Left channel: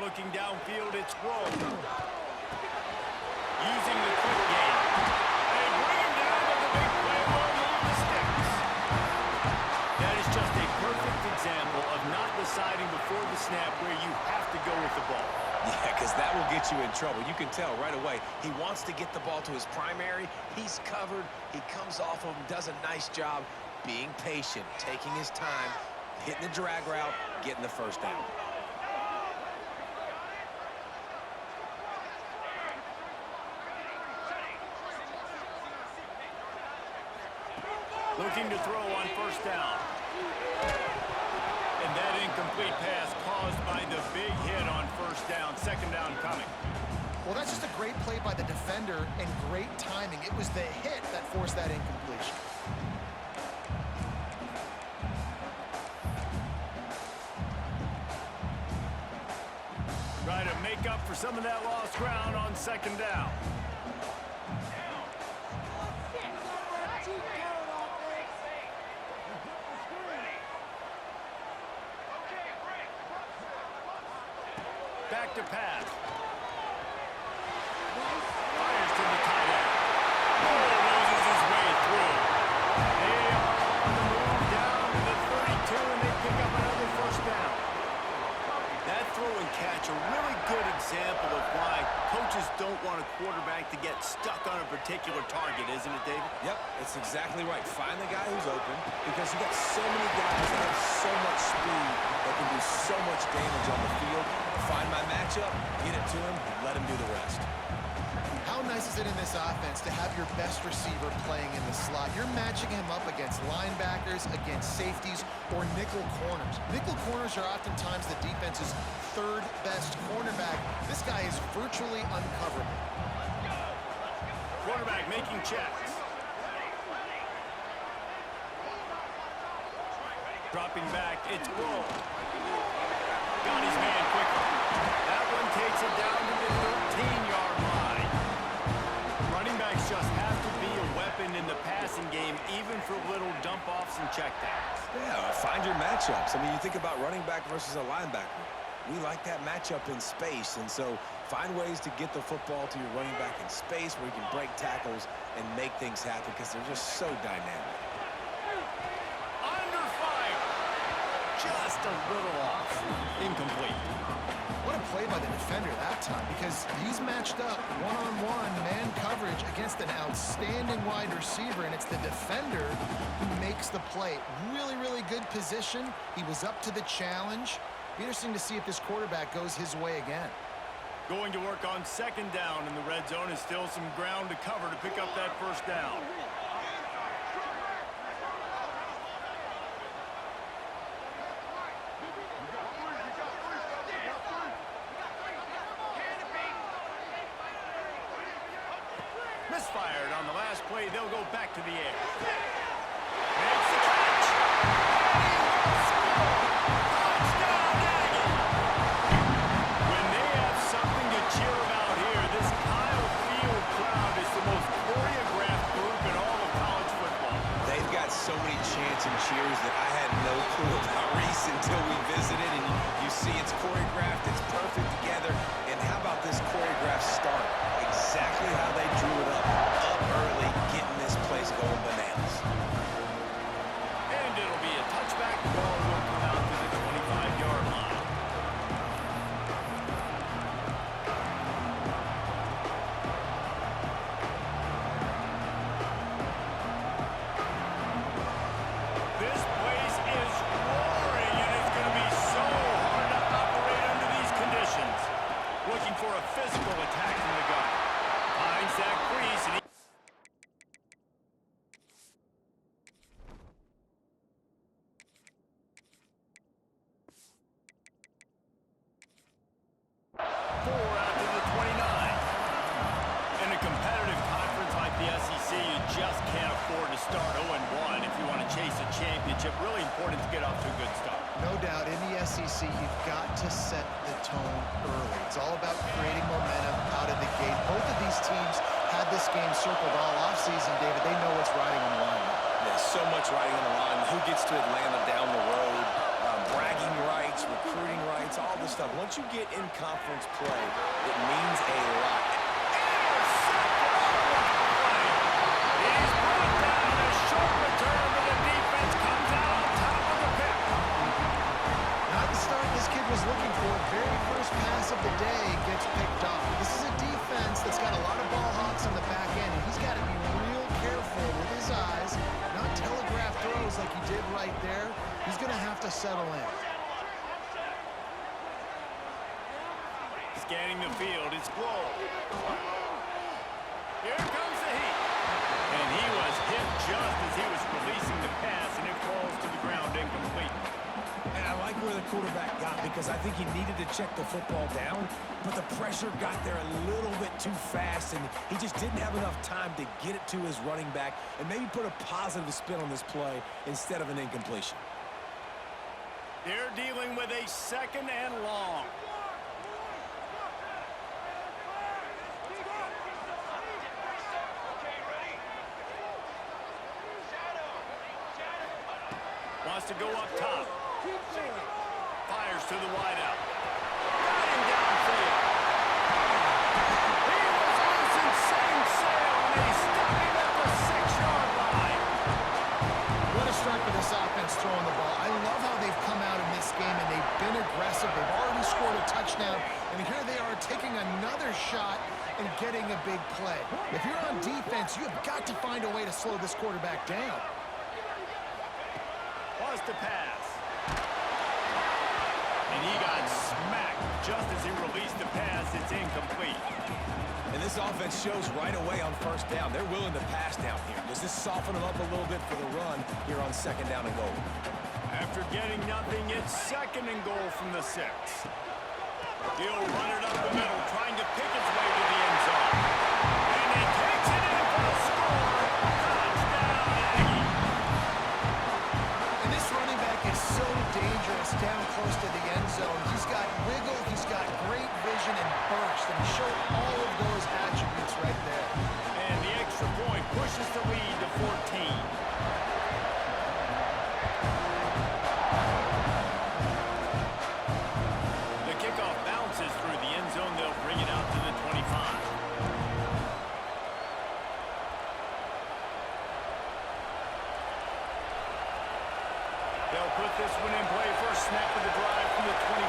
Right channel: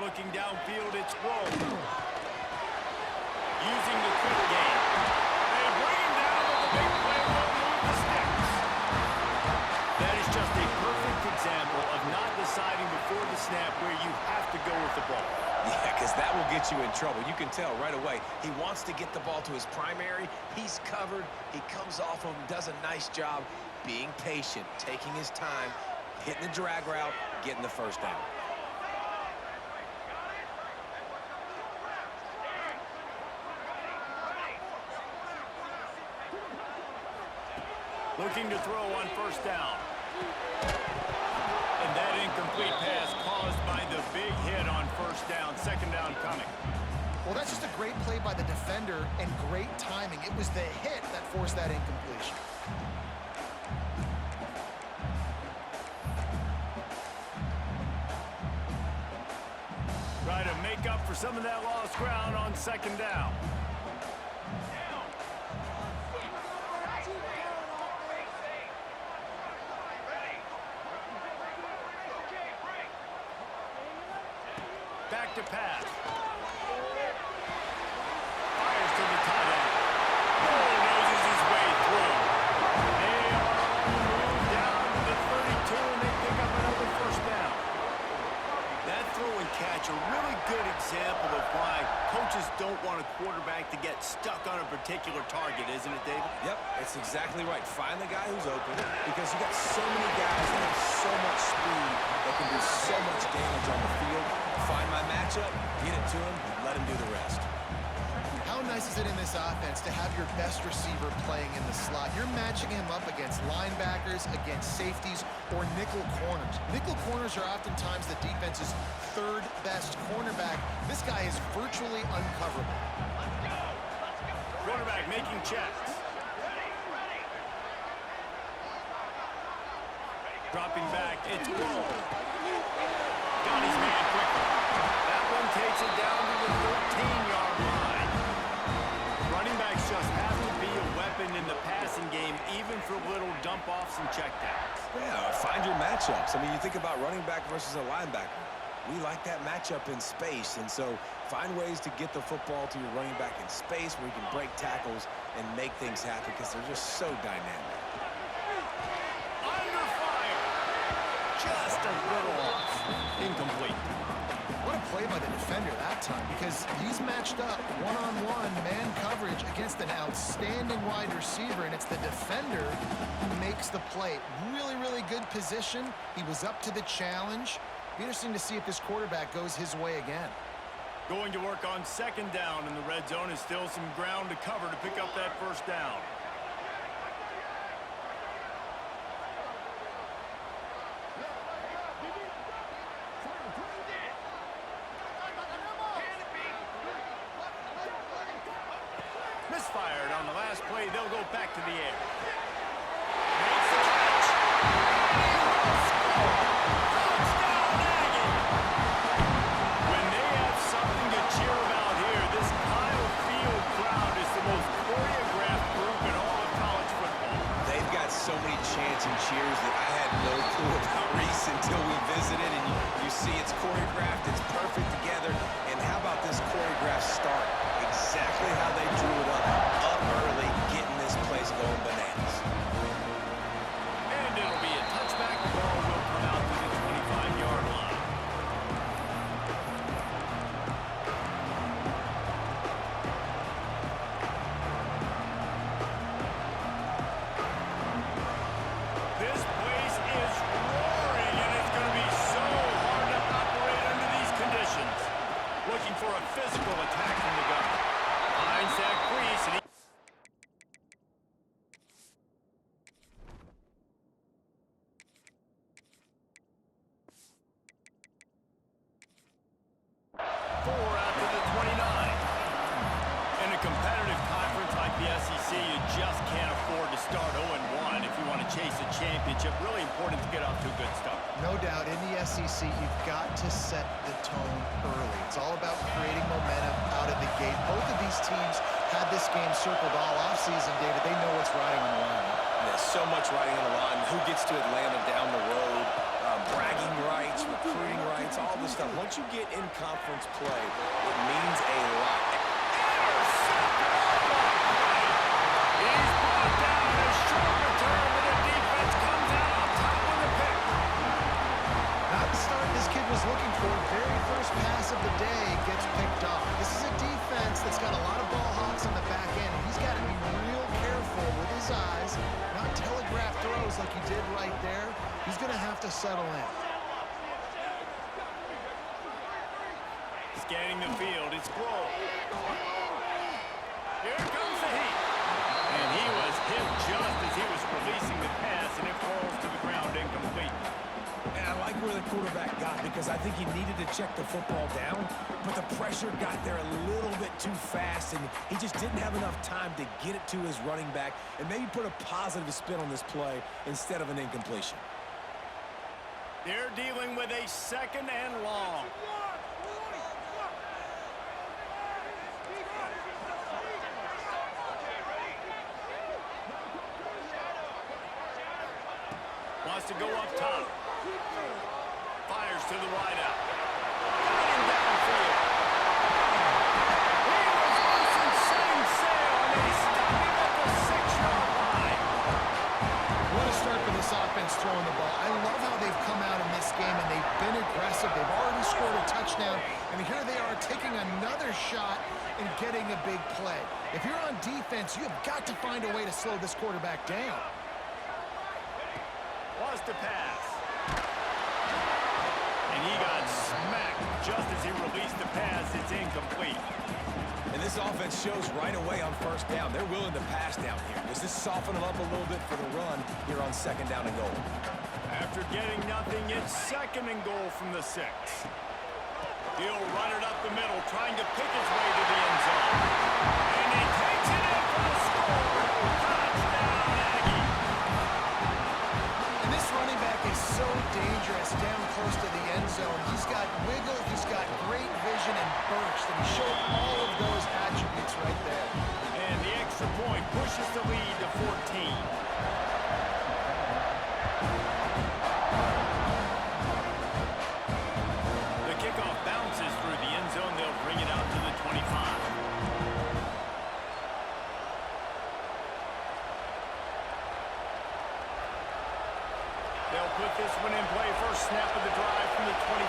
Looking downfield, it's Rowe. Using the quick game. They bring him down, but the big play will move the sticks. That is just a perfect example of not deciding before the snap where you have to go with the ball. Yeah, because that will get you in trouble. You can tell right away. He wants to get the ball to his primary. He's covered. He comes off of him, does a nice job being patient, taking his time, hitting the drag route, getting the first down. Looking to throw on first down. And that incomplete pass caused by the big hit on first down. Second down coming. Well, that's just a great play by the defender and great timing. It was the hit that forced that incompletion. Try to make up for some of that lost ground on second down. Back to pass. Fires to the tight end. Bulldozes his way through. They are on the move down to the 32, and they pick up another first down. That throw and catch, a really good example of why coaches don't want a quarterback to get stuck on a particular target, isn't it, David? Yep, it's exactly right. Find the guy who's open because you got so many guys that have so much speed that can do so much damage on the field. Find my matchup, get it to him, and let him do the rest. How nice is it in this offense to have your best receiver playing in the slot? You're matching him up against linebackers, against safeties, or nickel corners. Nickel corners are oftentimes the defense's third best cornerback. This guy is virtually uncoverable. Quarterback making checks. Dropping back, it's Rowe. Got his man quickly. That one takes it down to the 13-yard line. Running backs just have to be a weapon in the passing game, even for little dump-offs and checkdowns. Yeah, find your matchups. I mean, you think about running back versus a linebacker. We like that matchup in space, and so find ways to get the football to your running back in space where you can break tackles and make things happen because they're just so dynamic. Under fire. Just a little off. Incomplete. What a play by the defender that time, because he's matched up one-on-one man coverage against an outstanding wide receiver, and it's the defender who makes the play. Really, really good position. He was up to the challenge. Be interesting to see if this quarterback goes his way again. Going to work on second down, and the red zone is still some ground to cover to pick up that first down. Misfired on the last play. They'll go back to the air. Makes the catch. And he will score. Touchdown, Aggie. When they have something to cheer about here, this Kyle Field crowd is the most choreographed group in all of college football. They've got so many chants and cheers that I had no clue about Reese until we visited, and you see it's choreographed, it's perfect together. And how about this choreographed start? Exactly how they drew it up early, getting this place going bananas. And it'll be a touchback. The ball will come out to the 25-yard line. This place is roaring, and it's going to be so hard to operate under these conditions. Looking for a physical attack from the gun. Finds that crease, and he... Four out to the 29. In a competitive conference like the SEC, you just can't afford to start 0-1 if you want to chase a championship. Really important to get off to a good start. No doubt, in the SEC, you've got to set the tone early. It's all about creating momentum out of the gate. Both of these teams had this game circled all offseason, David. They know what's riding on the line. There's so much riding on the line. Who gets to Atlanta down the road? Bragging rights, recruiting rights, all this of stuff. Once you get in conference play, it means a lot. Intercepted. Oh, what a play. He's brought down a short return, but the defense comes out on top of the pick. Not the start this kid was looking for. Very first pass of the day gets picked off. This is a defense that's got a lot of ball hawks on the back end, and he's got to be real careful with his eyes, not telegraph throws like he did right there. He's going to have to settle in. Scanning the field, it's Blow. Here comes the heat. And he was hit just as he was releasing the pass, and it falls to the ground incomplete. And I like where the quarterback got because I think he needed to check the football down, but the pressure got there a little bit too fast, and he just didn't have enough time to get it to his running back and maybe put a positive spin on this play instead of an incompletion. They're dealing with a 2nd and long. Wants to go up top. Fires to the wideout. Got him downfield. He was loose and setting sail, and they stop him at the 6-yard line. What a start for this offense throwing the ball. I love how they've come out in this game, and they've been aggressive. They've already scored a touchdown, and here they are taking another shot and getting a big play. If you're on defense, you have got to find a way to slow this quarterback down. Wants to pass. And he got smacked just as he released the pass. It's incomplete. And this offense shows right away on first down. They're willing to pass down here. Does this soften them up a little bit for the run here on 2nd down and goal? After getting nothing, it's 2nd and goal from the 6. He'll run it up the middle, trying to pick his way to the end zone. And he takes it in for the score. Touchdown, Aggie. And this running back is so dangerous down close to the end zone. He's got wiggle, he's got great vision and burst, and he showed all of those attributes right there. And the extra point pushes the lead to 14. The kickoff bounces through the end zone. They'll bring it out to the 25. They'll put this one in play. First snap of the drive from the 25.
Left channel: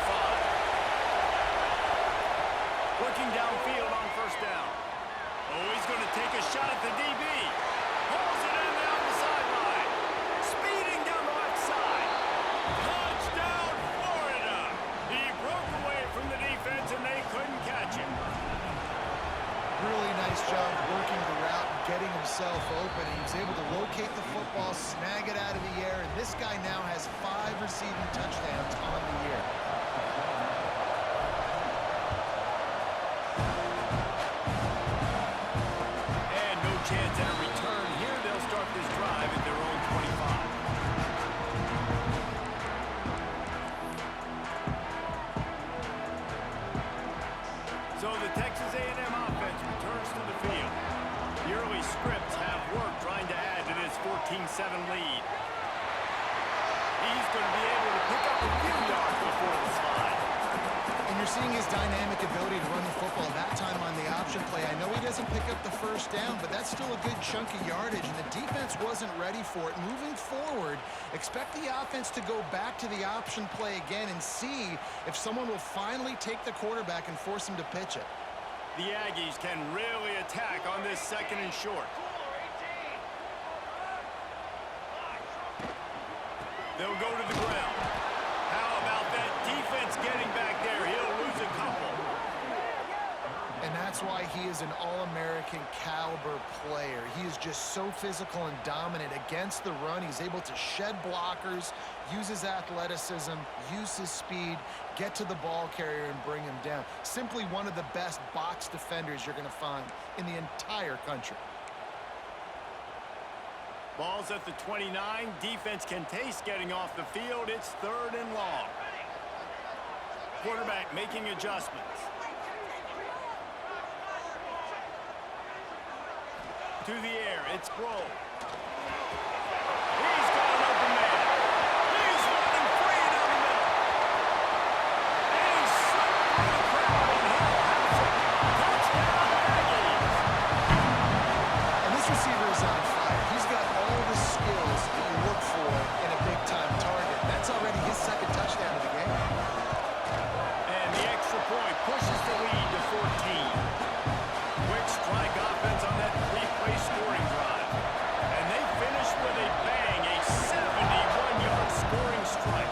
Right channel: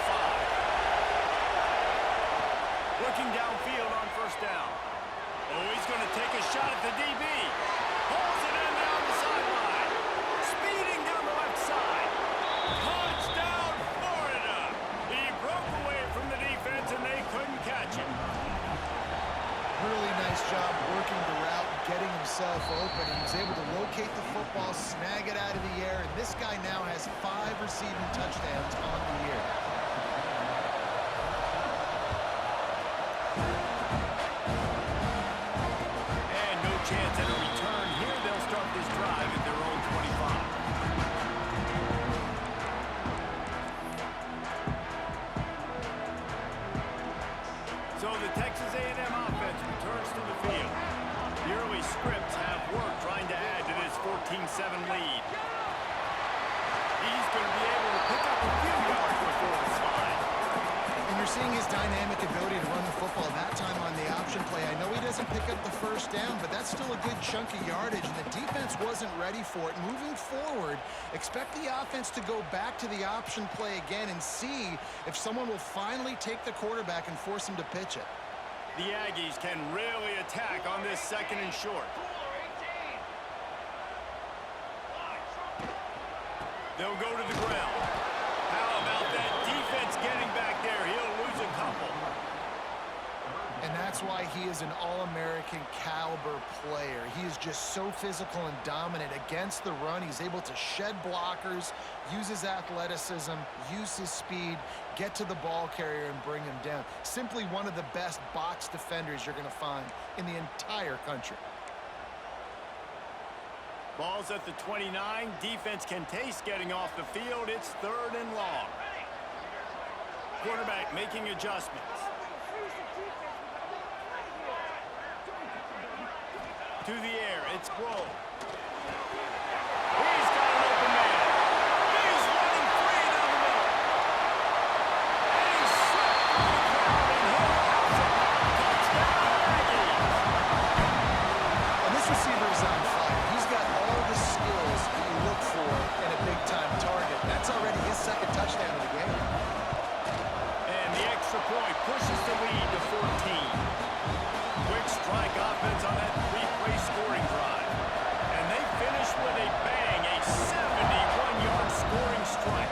Looking downfield on first down. Oh, he's going to take a shot at the DB. Pulls it in down the sideline. Speeding down the left side. Touchdown, Florida. He broke away from the defense, and they couldn't catch him. Really nice job working the route and getting himself open. He was able to locate the football, snag it out of the air, and this guy now has 5 receiving touchdowns on the year. And no chance at a return here. They'll start this drive at their own 25. So the Texas A&M offense returns to the field. The early scripts have worked trying to add to this 14-7 lead. He's going to be able to pick up a few yards before the slide. And you're seeing his dynamic ability to run the football, that time on the option play. I know he doesn't pick up the first down, but that's still a good chunk of yardage, and the defense wasn't ready for it. Moving forward, expect the offense to go back to the option play again and see if someone will finally take the quarterback and force him to pitch it. The Aggies can really attack on this 2nd and short. They'll go to the ground. How about that defense getting back there? He'll lose a couple. And that's why he is an All-American caliber player. He is just so physical and dominant against the run. He's able to shed blockers, use his athleticism, use his speed, get to the ball carrier and bring him down. Simply one of the best box defenders you're going to find in the entire country. Ball's at the 29. Defense can taste getting off the field. It's 3rd and long. Quarterback making adjustments. To the air, it's Blow. He's got an open man. He's running free down the middle. And he already his second touchdown of the game. And the extra point pushes the lead to 14. Quick strike offense on that three-play scoring drive. And they finish with a bang, a 71-yard scoring strike.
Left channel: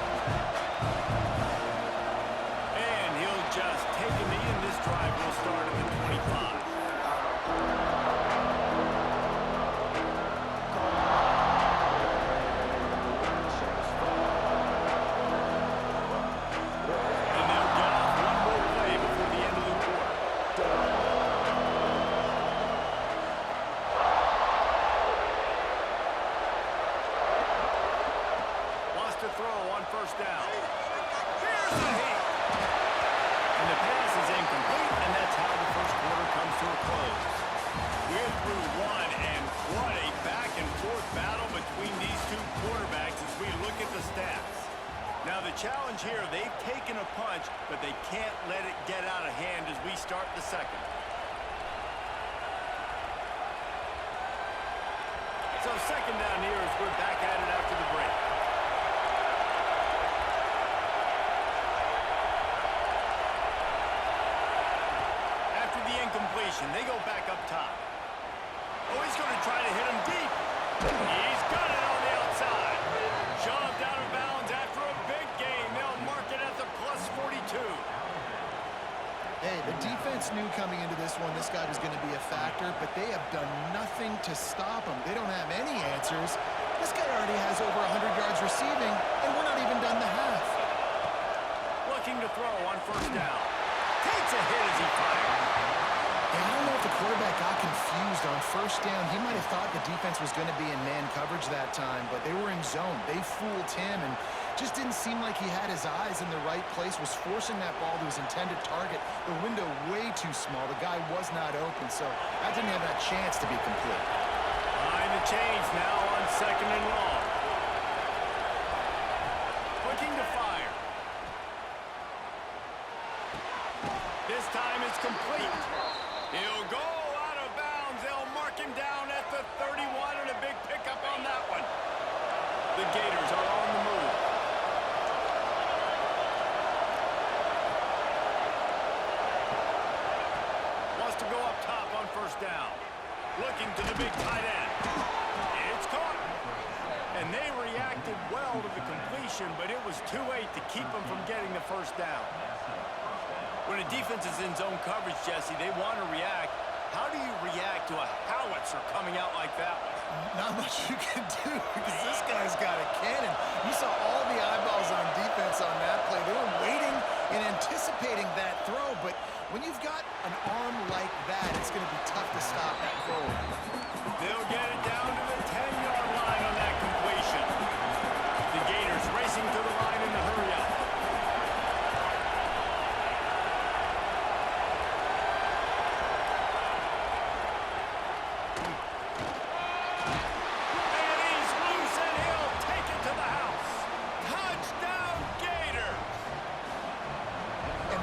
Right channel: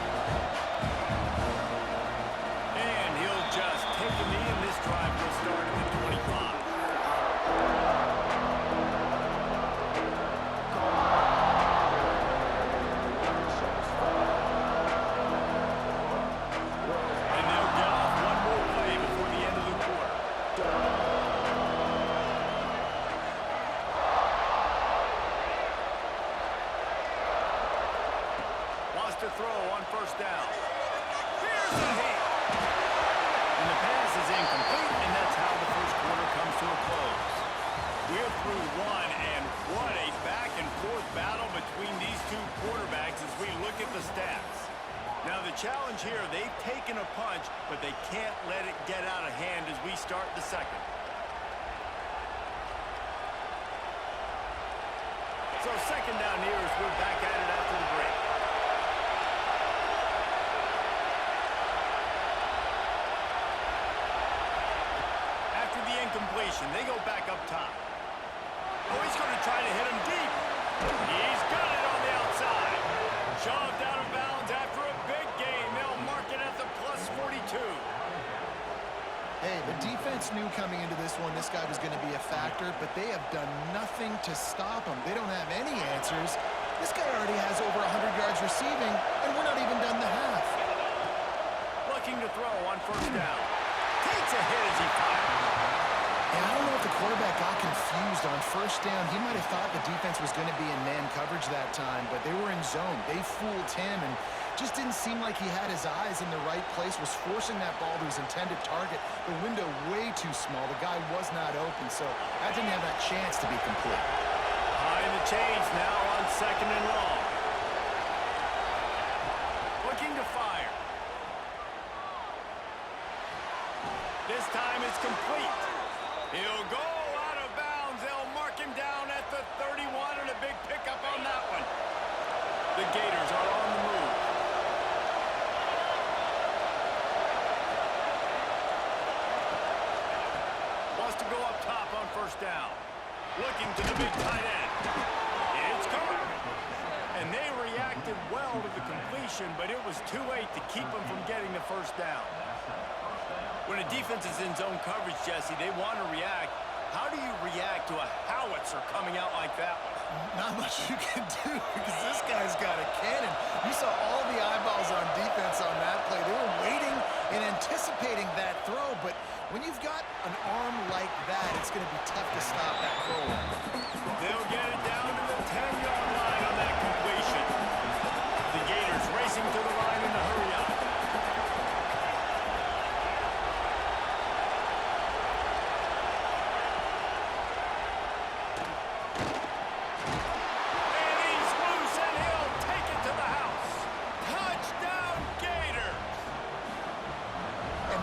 And he'll just take a knee, and this drive will start at the 25. To throw on first down. Here's the hit. And the pass is incomplete, and that's how the first quarter comes to a close. We're through one, and what a back-and-forth battle between these two quarterbacks as we look at the stats. Now, the challenge here, they've taken a punch, but they can't let it get out of hand as we start the second. So second down here as we're back at it after the break. After the incompletion, they go back up top. Oh, he's going to try to hit him deep. He's got it on the outside. Shoved out of bounds after a big gain. They'll mark it at the plus 42. Hey, the defense knew coming into this one this guy was going to be a factor, but they have done nothing to stop him. They don't have any answers. This guy already has over 100 yards receiving, and we're not even done the half. Looking to throw on first down. Takes a hit as he fires. Yeah, I don't know if the quarterback got confused on first down. He might have thought the defense was going to be in man coverage that time, but they were in zone. They fooled him and just didn't seem like he had his eyes in the right place, was forcing that ball to his intended target. The window way too small. The guy was not open, so that didn't have that chance to be complete. Behind the chains now on second and long. Looking to fire. This time it's complete. He'll go out of bounds. They'll mark him down at the 31, and a big pickup on that one. The Gators are on the move. Wants to go up top on first down. Looking to the big tight end. It's caught. And they reacted well to the completion, but it was too late to keep them from getting the first down. When a defense is in zone coverage, Jesse, they want to react. How do you react to a howitzer coming out like that one? Not much you can do because this guy's got a cannon. You saw all the eyeballs on defense on that play. They were waiting and anticipating that throw, but when you've got an arm like that, it's going to be tough to stop that throw. They'll get it down to the 10-yard line on that completion. The Gators racing to the line in the hurry up.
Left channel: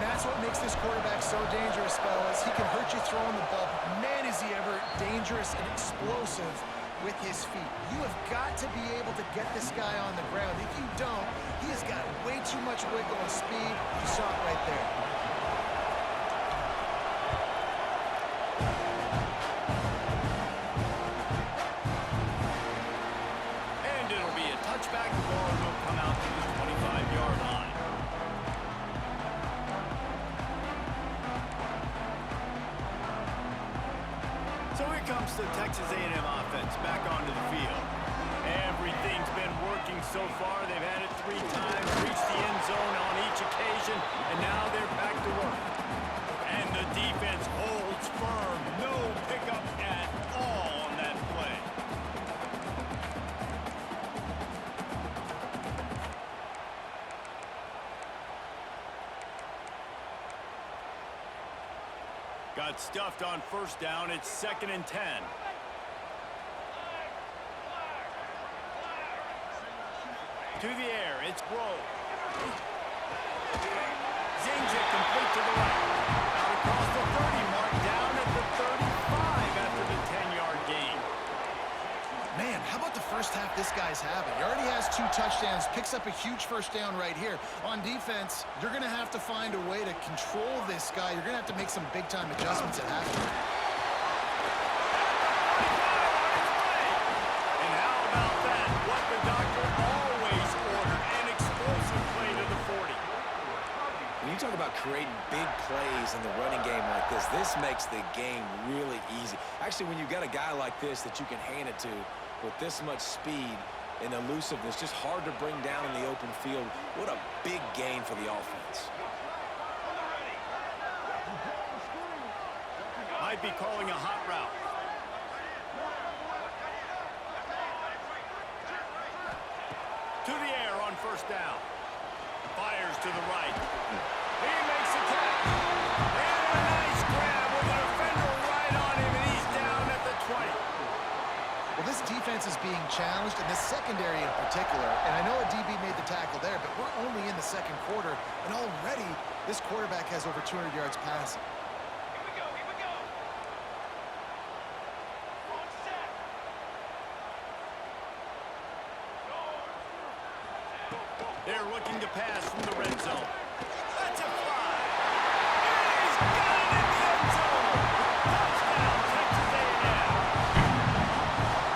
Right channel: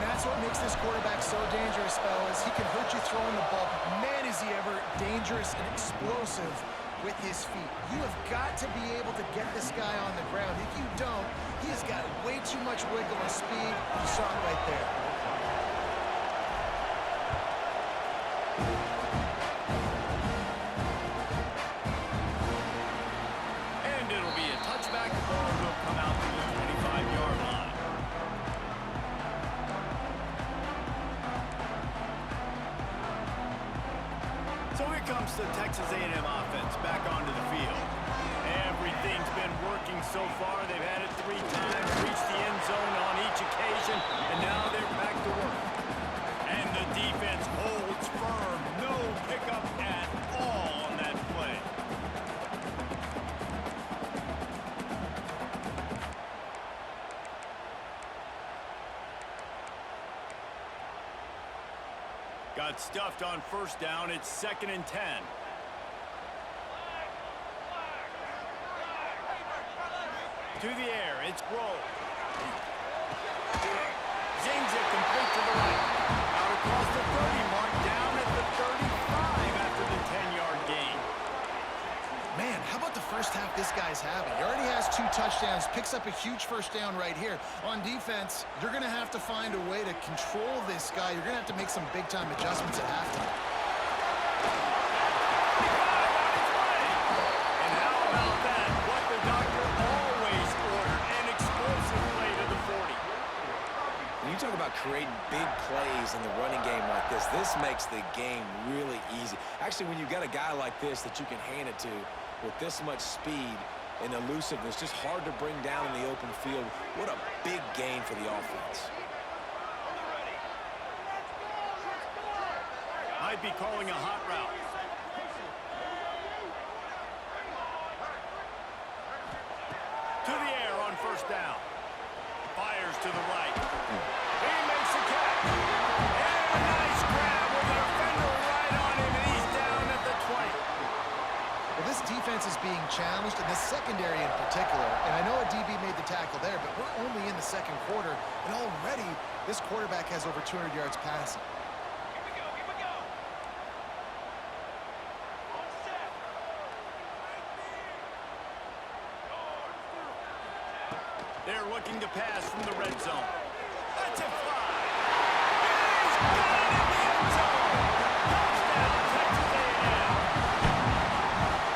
That's what makes this quarterback so dangerous, fellas. He can hurt you throwing the ball, but man, is he ever dangerous and explosive with his feet. You have got to be able to get this guy on the ground. If you don't, he has got way too much wiggle and speed. You saw it right there. And it'll be a touchback. The ball will come out to the 25-yard line. So here comes the Texas A&M offense back onto the field. Everything's been working so far. They've had it 3 times, reached the end zone on each occasion, and now they're back to work. And the defense holds firm. No pickup at all on that play. Got stuffed on first down. It's 2nd and 10. To the air. It's Rowe. Zings it complete to the right. Out across the 30 mark. Down at the 35 after the 10-yard gain. Man, how about the first half this guy's having? He already has 2 touchdowns, picks up a huge first down right here. On defense, you're going to have to find a way to control this guy. You're going to have to make some big-time adjustments at halftime. And how about that? What the doctor always ordered, an explosive play to the 40. When you talk about creating big plays in the running game like this makes the game really easy. Actually, when you've got a guy like this that you can hand it to with this much speed and elusiveness, just hard to bring down in the open field, what a big gain for the offense. Might be calling a hot route. To the air on first down. Fires to the right. He makes a catch. And a nice grab with a defender right on him, and he's down at the 20. Well, this defense is being challenged, and the secondary in particular. And I know a DB made the tackle there, but we're only in the second quarter, and already this quarterback has over 200 yards passing. They're looking to pass from the red zone. That's a fly. He's got it in the end zone. Touchdown, Texas A&M.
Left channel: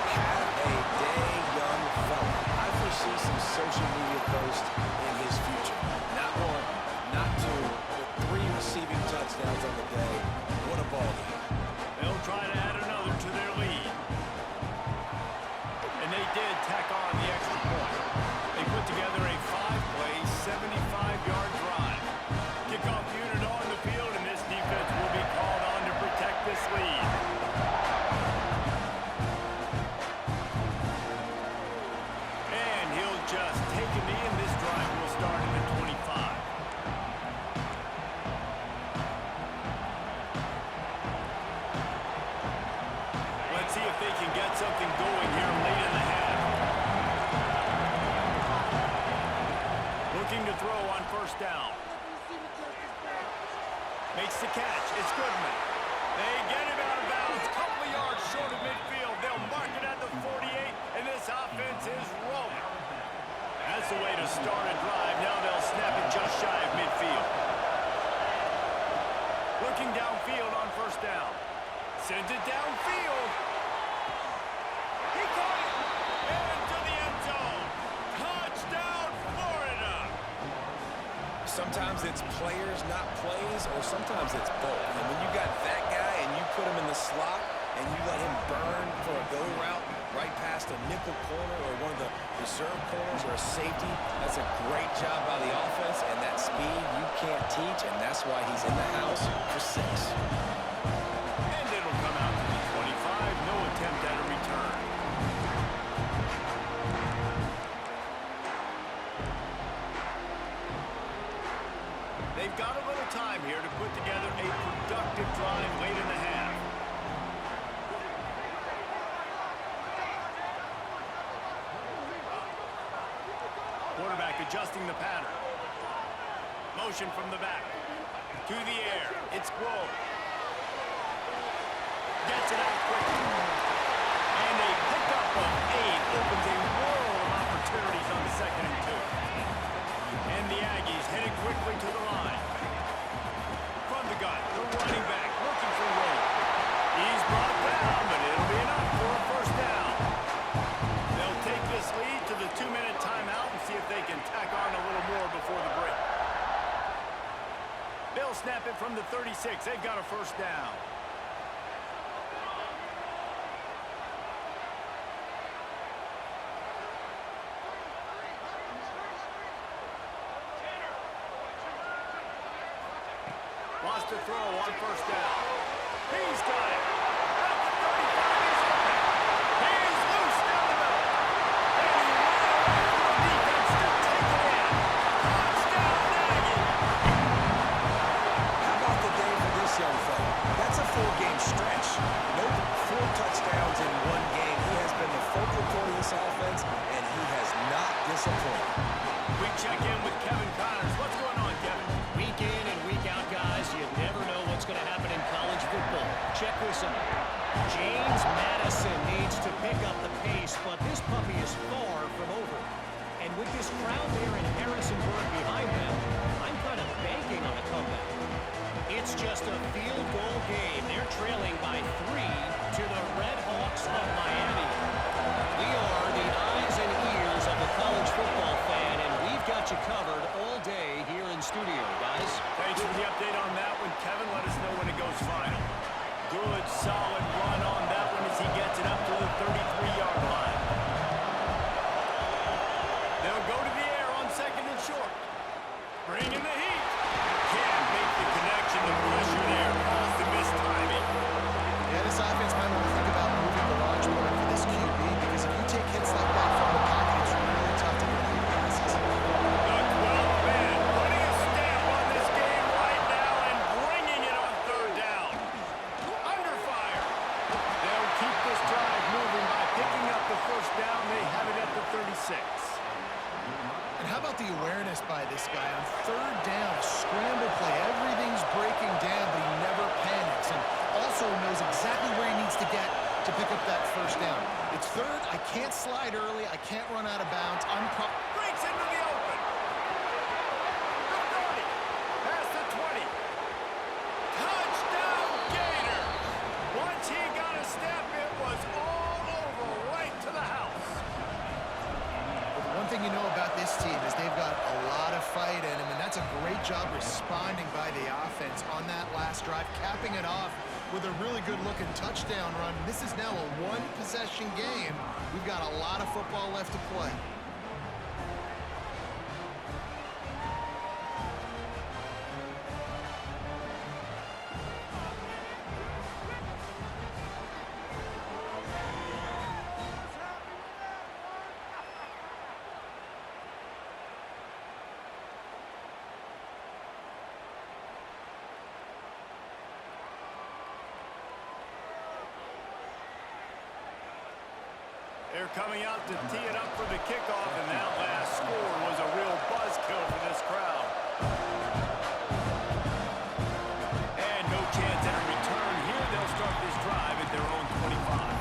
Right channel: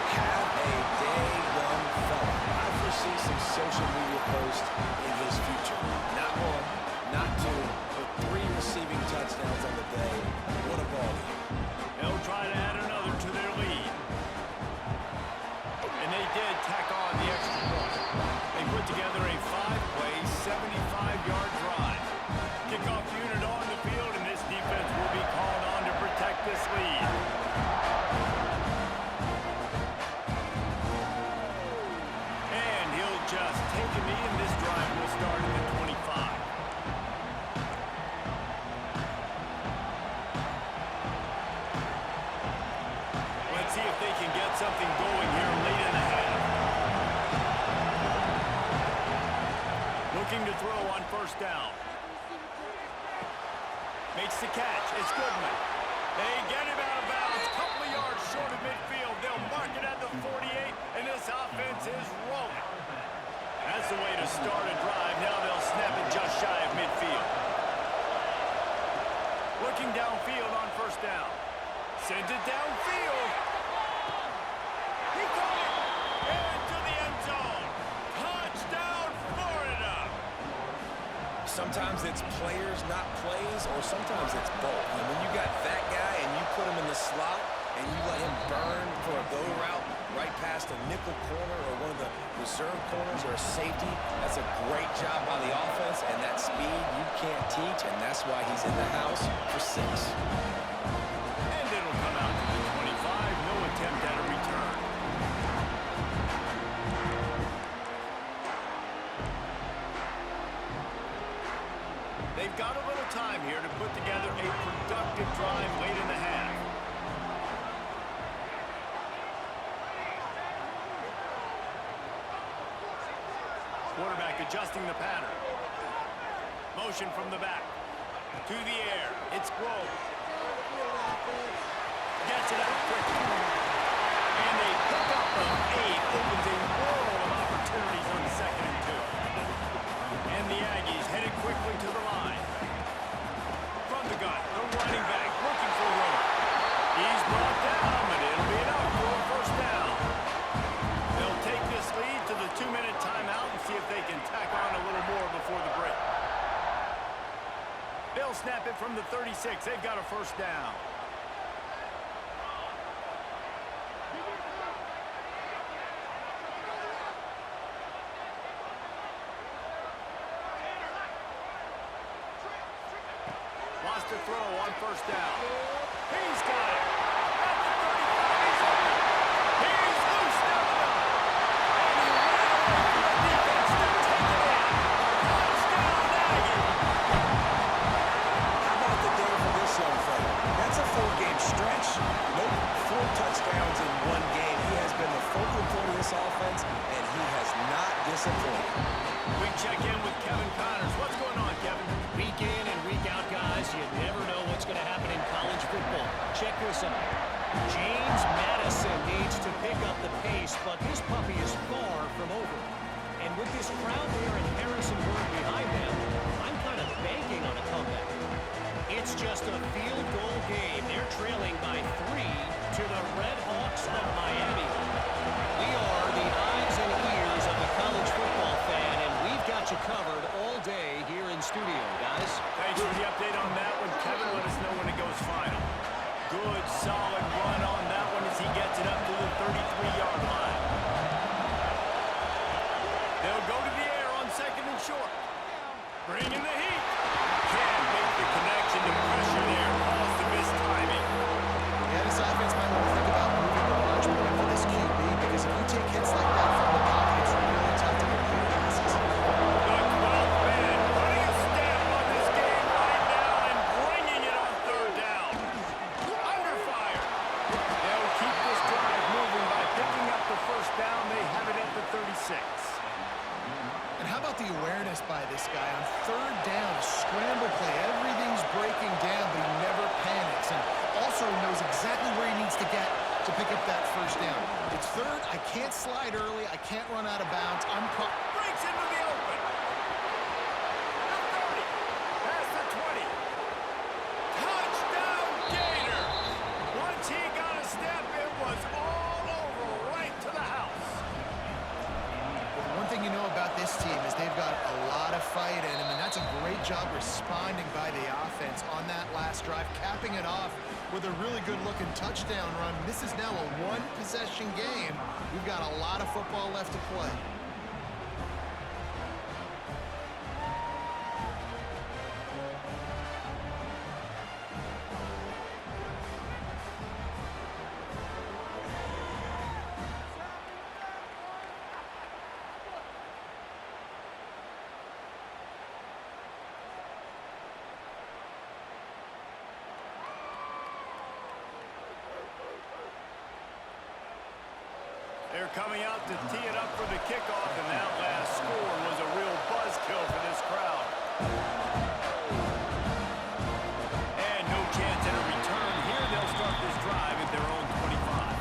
Have a day, young fella. I foresee some social media posts in his future. Not 1, not 2, but 3 receiving touchdowns on the day. What a ball game. They'll try to add another to their lead. And they did tack on the extra point. They put together a 5-play, 75-yard drive. Kickoff unit on the field, and this defense will be called on to protect this lead. And he'll just take a knee, and this drive will start at the 25. Let's see if they can get something going here late in the half. Looking to throw on first down. Makes the catch. It's Goodman. They get him out of bounds. Couple of yards short of midfield. They'll mark it at the 48, and this offense is rolling. That's the way to start a drive. Now they'll snap it just shy of midfield. Looking downfield on first down. Sends it downfield. He caught it. Into the end zone. Touchdown, Florida. Sometimes it's players, not plays, or sometimes it's both. And when you got that guy and you put him in the slot and you let him burn for a go route right past a nickel corner or one of the reserve corners or a safety, that's a great job by the offense, and that speed you can't teach, and that's why he's in the house for 6. And it'll come out to the 25. No attempt at a return. They've got a little time here to put together a productive drive late in the half. Quarterback adjusting the pattern. Motion from the back. To the air. It's Grove. Gets it out quickly. And a pickup of 8 opens a world of opportunities on the 2nd and 2. And the Aggies headed quickly to the line. From the gun, the running back looking for room. He's brought down, but it'll be enough for a first down. They'll take this lead to the 2-minute timeout and see if they can tack on a little more before the break. They'll snap it from the 36. They've got a first down. Wants to throw on first down. He's got it. At the 35, he's open. He's loose down the middle. And he ran away from the defense to take it in. Touchdown, Aggie. How about the day for this young fella? That's a 4-game stretch. Nope, 4 touchdowns in 1 game. He has been the focal point of this offense, and he has not disappointed. We check in with Kevin Connors. What's going on, Kevin? Week in and week out, guys, you never know what's going to happen in college football. Check this out. James Madison needs to pick up the pace, but this puppy is far from over. And with this crowd there in Harrisonburg behind them, I'm kind of banking on a comeback. It's just a field goal game. They're trailing by 3 to the Red Hawks of Miami. We are the eyes and ears of the college football fan, and we've got you covered all day here in studio, guys. Thanks for the update on that one, Kevin. Let us know when it goes final. Good, solid run on that one as he gets it up to the 33-yard line. They'll go to the air on 2nd and short. Bringing the heat. Can't make the connection. The pressure there caused the missed timing. Yeah, this offense might want to think about moving the launch point for this QB, because if you take hits like that from the pocket, it's really tough to complete passes. The 12th man putting a stamp on this game right now and bringing it on 3rd down. Under fire. They'll keep this drive moving by picking up the 1st down. They have it at the 36. And how about the awareness by this guy on 3rd down, a scramble play. Everything's breaking down, but he never panics, and also knows exactly where he needs to get to pick up that 1st down. It's 3rd. I can't slide early. I can't run out of bounds. Breaks into the open. The 30. Past the 20. Touchdown Gator. Once he got a step, it was all over right to the house. One thing you know about this team is they've got a lot of fight in them, and that's a great job responding by the offense on that last drive, capping it off with a really good-looking touchdown run. This is now a one-possession game. We've got a lot of football left to play. They're coming out to tee it up for the kickoff, and that last score was a real buzzkill for this crowd. And no chance at a return here. They'll start this drive at their own 25.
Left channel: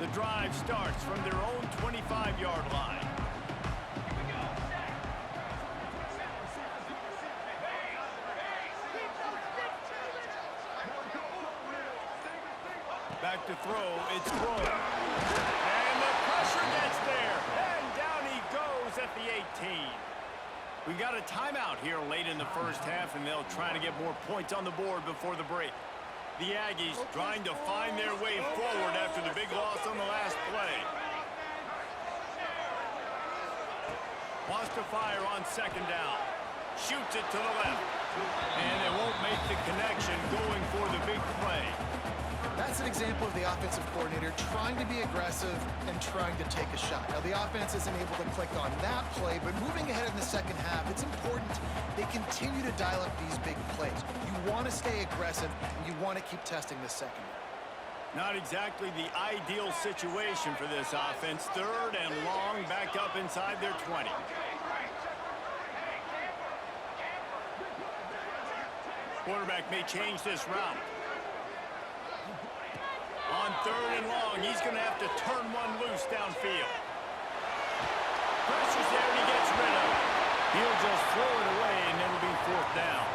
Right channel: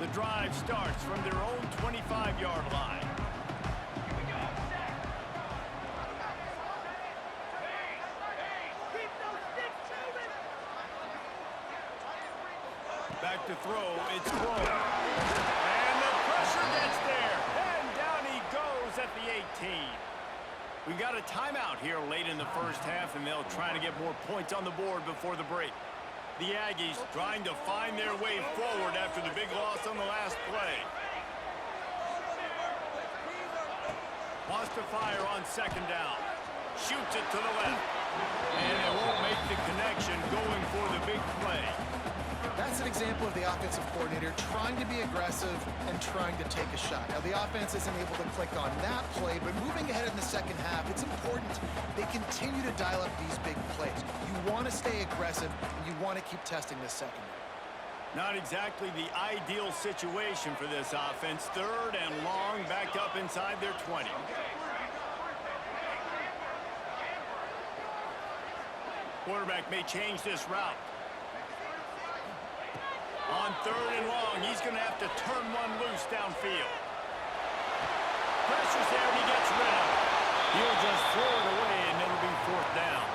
The drive starts from their own 25-yard line. Back to throw, it's Crow. And the pressure gets there. And down he goes at the 18. We got a timeout here late in the 1st half, and they'll try to get more points on the board before the break. The Aggies trying to find their way forward after the big loss on the last play. Wants to fire on 2nd down. Shoots it to the left. And it won't make the connection going for the big play. That's an example of the offensive coordinator trying to be aggressive and trying to take a shot. Now, the offense isn't able to click on that play, but moving ahead in the 2nd half, it's important they continue to dial up these big plays. You want to stay aggressive, and you want to keep testing the secondary. Not exactly the ideal situation for this offense. 3rd and long, back up inside their 20. Quarterback may change this route. On 3rd and long, he's going to have to turn one loose downfield. Pressure's there, and he gets rid of it. He'll just throw it away, and it'll be 4th down.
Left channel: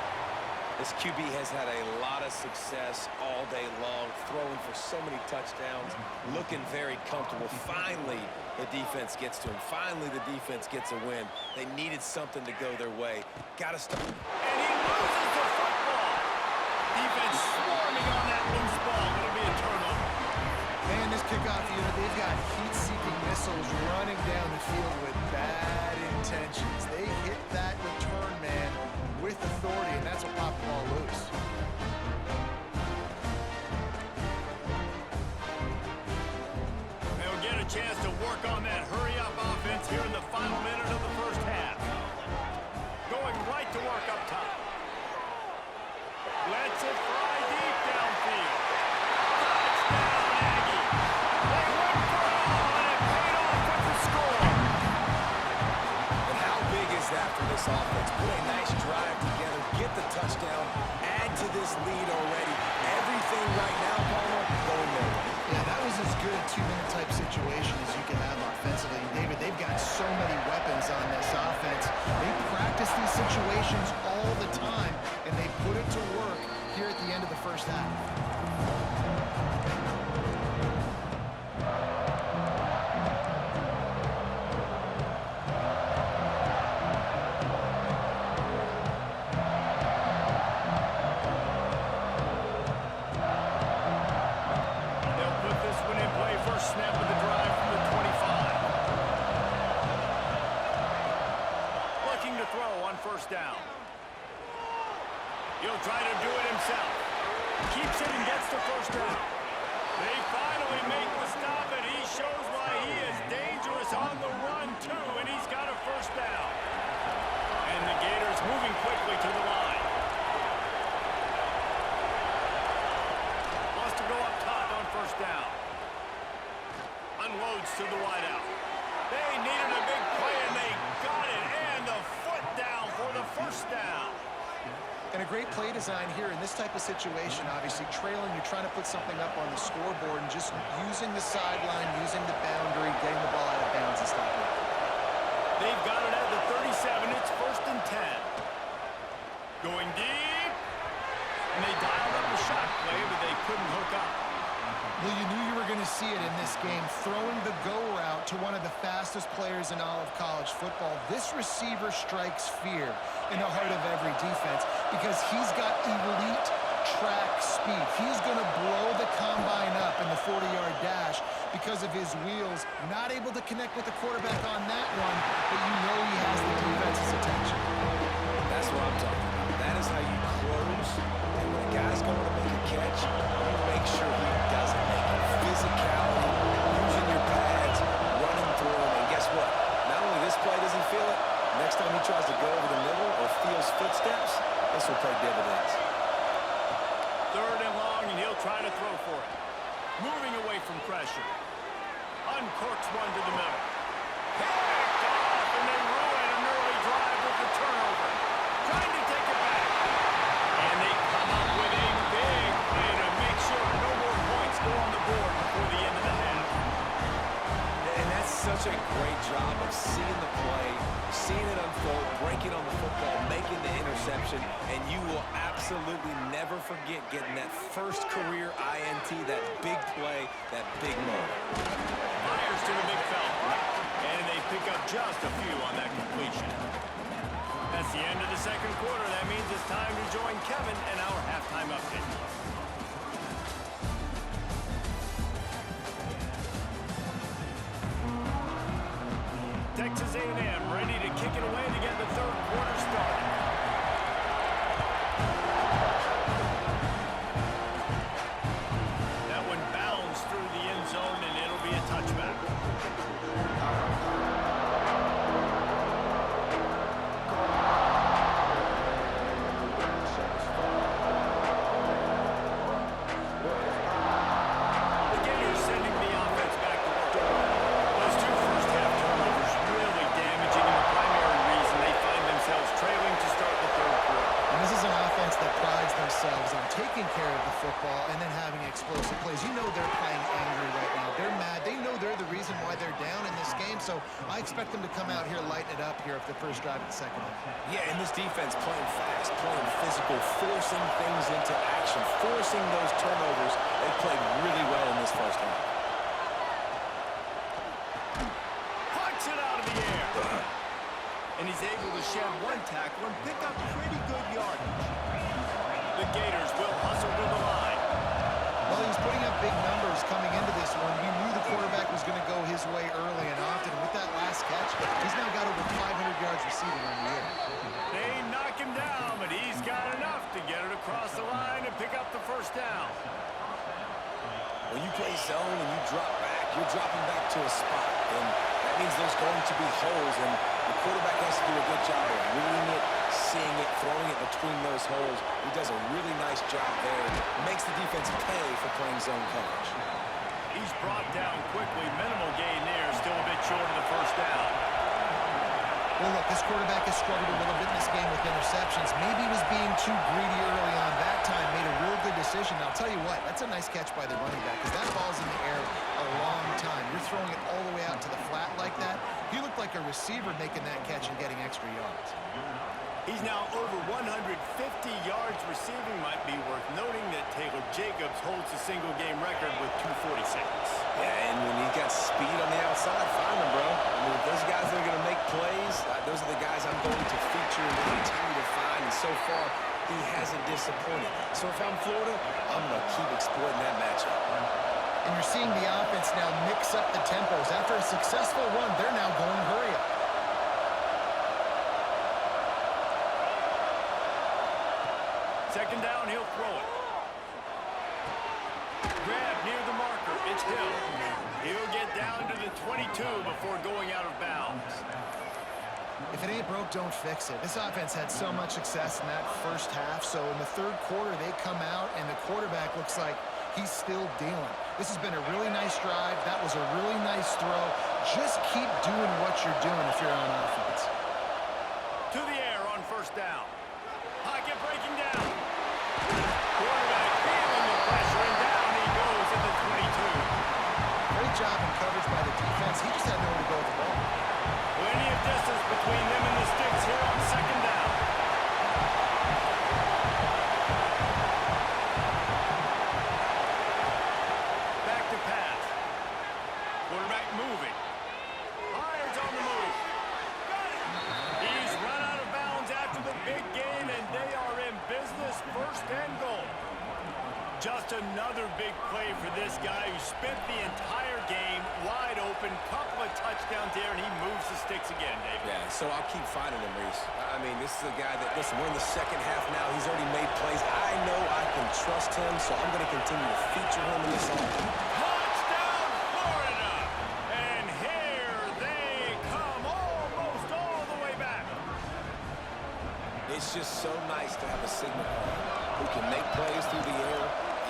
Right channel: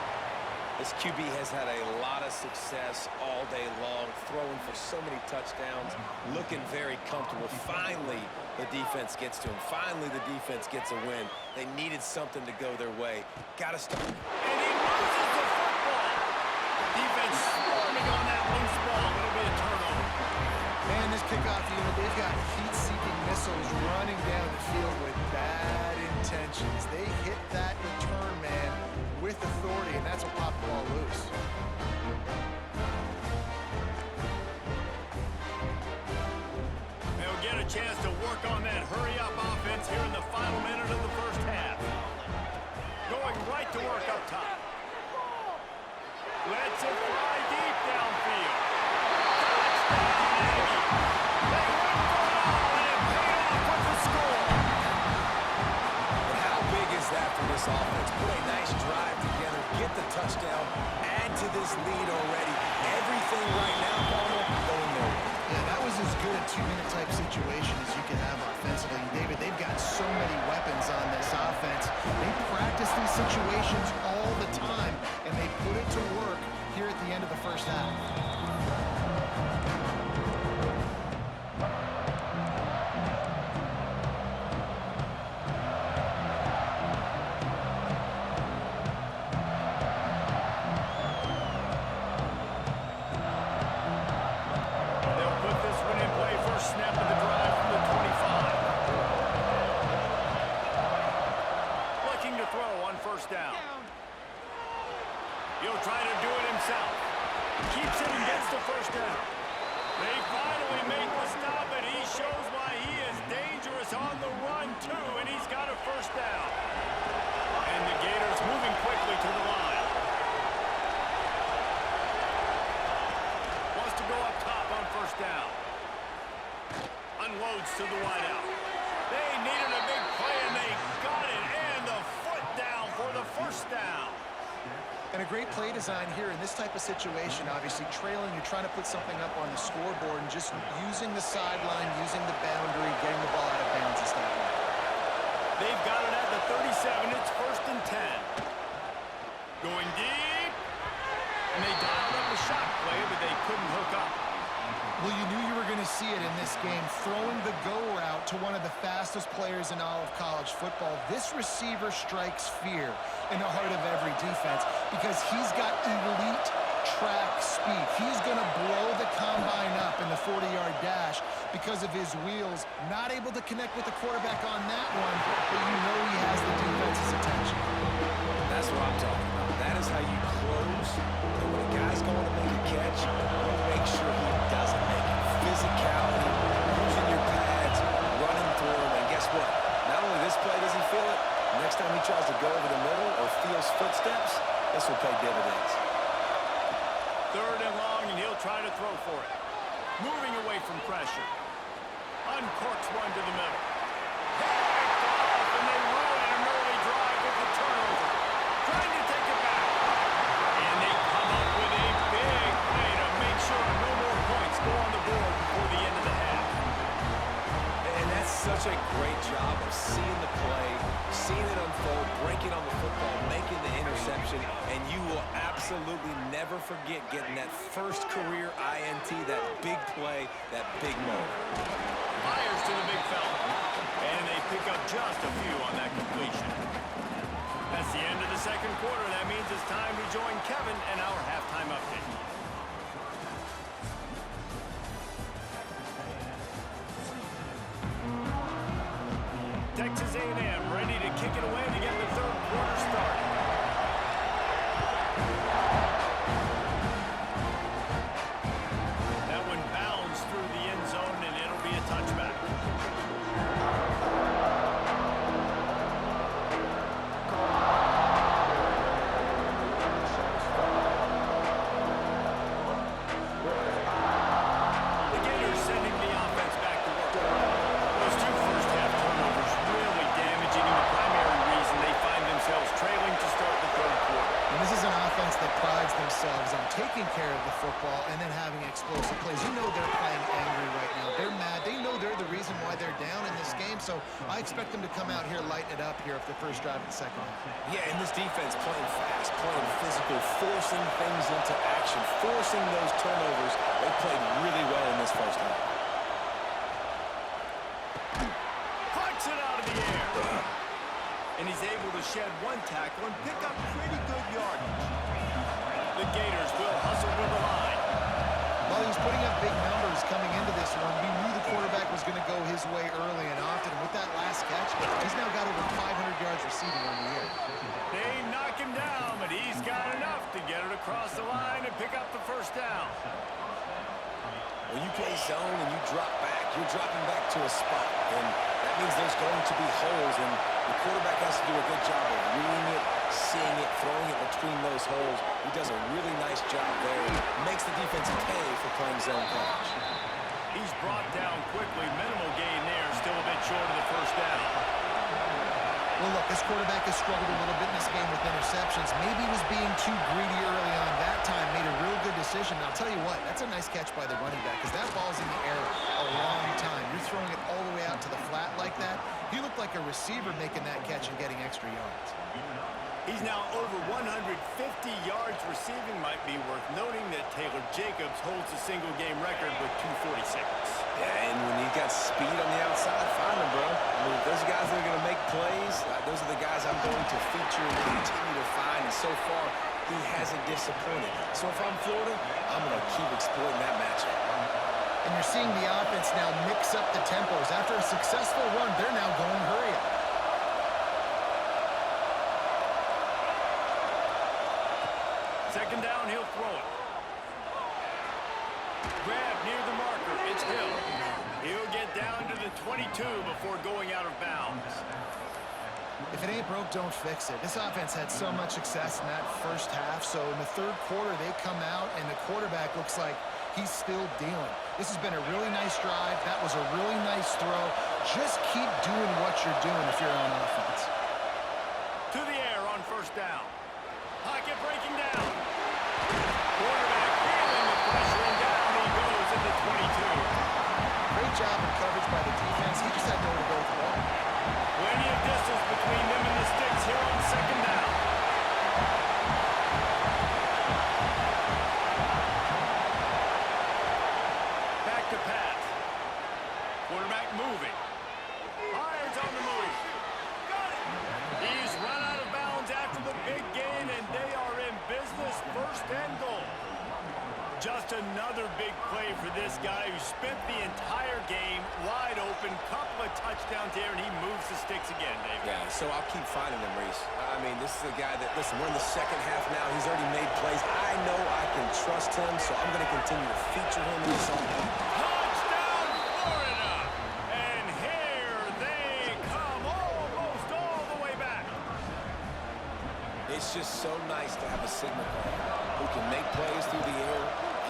This QB has had a lot of success all day long, throwing for so many touchdowns, looking very comfortable. Finally, the defense gets to him. Finally, the defense gets a win. They needed something to go their way. Got to stop. And he loses the football. Defense swarming on that loose ball. It'll be a turnover. Man, this kickoff unit, they've got heat-seeking missiles running down the field with bad intentions. They hit that return man with authority, and that's what popped the ball loose. They'll get a chance to work on that hurry-up offense here in the final minute of the 1st half. Going right to work up top. Lets it fly deep downfield. Touchdown, Aggie. They went for it all, and it paid off with this offense. Put a nice drive together, get the touchdown, add to this lead already. Everything right now, Palmer, going their way. Yeah, that was as good a two-minute type situation as you could have offensively. And David, they've got so many weapons on this offense. They practice these situations all the time, and they put it to work here at the end of the first half. Snap of the drive from the 25. Looking to throw on first down. He'll try to do it himself. Keeps it and gets the first down. They finally make the stop, and he shows why he is dangerous on the run, too, and he's got a first down. And the Gators moving quickly to the line. Wants to go up top on first down. Unloads to the wideout. They needed a big play, and they got it. And the foot down for the first down. And a great play design here in this type of situation. Obviously, trailing, you're trying to put something up on the scoreboard and just using the sideline, using the boundary, getting the ball out of bounds and stopping it. They've got it at the 37. It's 1st and 10. Going deep. And they dialed up the shot play, but they couldn't hook up. Well, you knew you were going to see it in this game, throwing the go route to one of the fastest players in all of college football. This receiver strikes fear in the heart of every defense because he's got elite track speed. He's going to blow the combine up in the 40-yard dash because of his wheels. Not able to connect with the quarterback on that one, but you know he has the defense's attention. That's what I'm talking about. That is how you close. And when a guy's going to make a catch, you make sure he doesn't make it. Physicality, using your pads, running through him. And guess what? Not only this play does he feel it, next time he tries to go over the middle or feels footsteps, this will pay dividends. 3rd and long, and he'll try to throw for it. Moving away from pressure. Uncorks one to the middle. Picked off, and they ruin an early drive with the turnover. Trying to take it back. And they come up with a big play to make sure no more points go on the board before the end of the half. And that's such a great job of seeing the play, seeing it unfold, breaking on the football, making the interception, and you will absolutely never forget getting that first career INT, that big play, that big moment. Fires to the big fella. And they pick up just a few on that completion. That's the end of the second quarter. That means it's time to join Kevin and our halftime update. Texas A&M ready to kick it away to get the third quarter started. That one bounds through the end zone, and it'll be a touchback. That prides themselves on taking care of the football and then having explosive plays. You know they're playing angry right now. They're mad. They know they're the reason why they're down in this game, so I expect them to come out here, lighten it up here for the first drive of the second half. Yeah, and this defense playing fast, playing physical, forcing things into action, forcing those turnovers. They played really well in this first half. Punch it out of the air. And he's able to shed one tackle and pick up pretty good yardage. The Gators will hustle to the line. Well, he was putting up big numbers coming into this one. We knew the quarterback was going to go his way early and often. And with that last catch, he's now got over 500 yards receiving on the year. They knock him down, but he's got enough to get it across the line and pick up the first down. When you play zone and you drop back, you're dropping back to a spot. And that means there's going to be holes, and the quarterback has to do a good job of reading it, seeing it, throwing it between those holes. He does a really nice job there. Makes the defense pay for playing zone coverage. He's brought down quickly. Minimal gain there. Still a bit short of the first down. Well, look, this quarterback has struggled a little bit in this game with interceptions. Maybe he was being too greedy early on. That time made a real good decision. And I'll tell you what, that's a nice catch by the running back because that ball's in the air a long time. You're throwing it all the way out to the flat like that. He looked like a receiver making that catch and getting extra yards. He's now over 150 yards receiving. Might be worth noting that Taylor Jacobs holds the single-game record with 246. Yeah, and when you got speed on the outside, find them, bro. I mean, if those guys that are going to make plays, those are the guys I'm going to feature and continue to find. And so far, he hasn't disappointed. So if I'm Florida, I'm going to keep exploiting that matchup. And you're seeing the offense now mix up the tempos. After a successful run, they're now going hurry up. Second down, he'll throw it. Grab near the marker. It's Hill. He'll get down to the 22 before going out of bounds. If it ain't broke, don't fix it. This offense had so much success in that first half, so in the third quarter, they come out, and the quarterback looks like he's still dealing. This has been a really nice drive. That was a really nice throw. Just keep doing what you're doing if you're on offense. To the air on first down. Pocket breaking down. Quarterback feeling the pressure, and down he goes at the 22. Great job in coverage by the defense. He just had nowhere to go with the ball. Plenty of distance between them and the sticks here on second down. Back to pass. Quarterback moving. Fires on the move. He's run out of bounds after the big gain, and they are in business, first and goal. Just another big play for this guy who spent the entire game wide open, couple of touchdowns there, and he moves the sticks again, David. Yeah, so I'll keep finding him, Reese. I mean, this is a guy that, listen, we're in the second half now. He's already made plays. I know I can trust him, so I'm going to continue to feature him in this offense. Touchdown, Florida! And here they come almost all the way back. It's just so nice to have a signal caller who can make plays through the air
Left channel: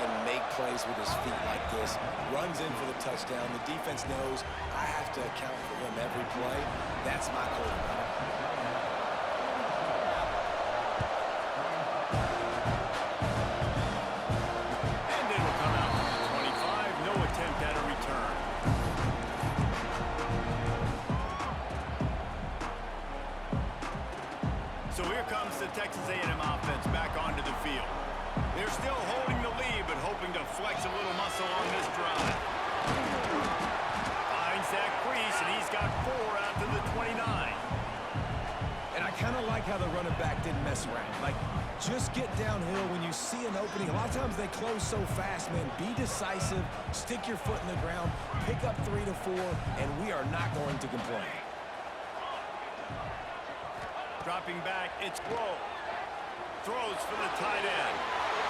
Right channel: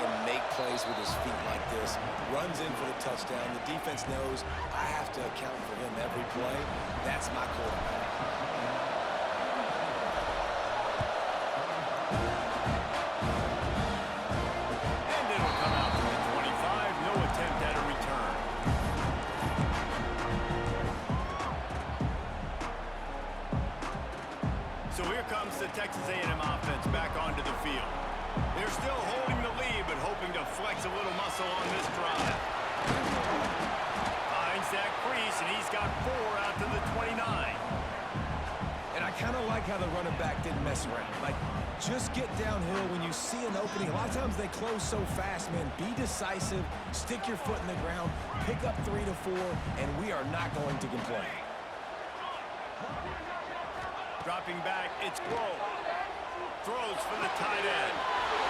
and make plays with his feet like this. Runs in for the touchdown. The defense knows I have to account for him every play. That's my quarterback. And it'll come out to the 25. No attempt at a return. So here comes the Texas A&M offense back onto the field. They're still holding the lead, but hoping to flex a little muscle on this drive. Finds that crease, and he's got 4 out to the 29. And I kind of like how the running back didn't mess around. Like, just get downhill when you see an opening. A lot of times they close so fast, man. Be decisive, stick your foot in the ground, pick up 3 to 4, and we are not going to complain. Dropping back, it's Grove. Throws for the tight end.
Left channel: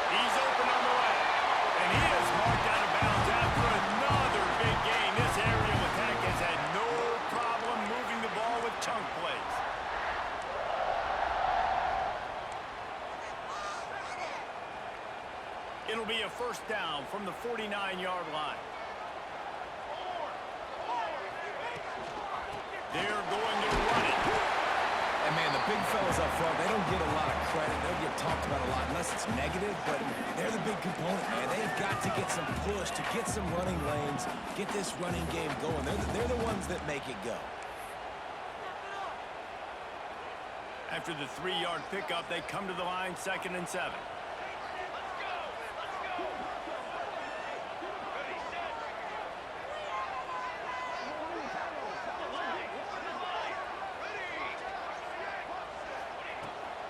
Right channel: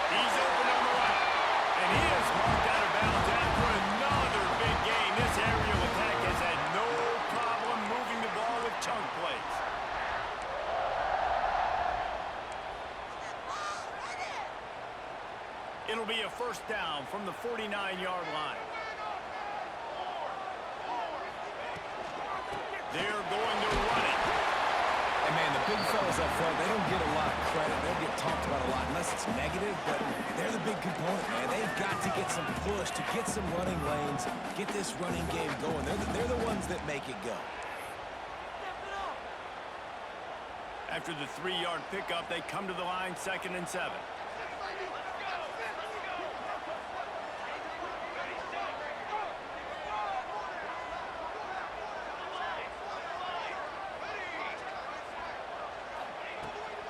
He's open on the right. And he is marked out of bounds after another big gain. This aerial attack has had no problem moving the ball with chunk plays. It'll be a first down from the 49-yard line. They're going to run it. And, man, the big fellas up front, they don't get a lot of credit. They'll get talked about a lot unless it's negative, but they're the big component, man. They've got to get some push, to get some running lanes, get this running game going. They're the ones that make it go. After the 3-yard pickup, they come to the line, 2nd and 7.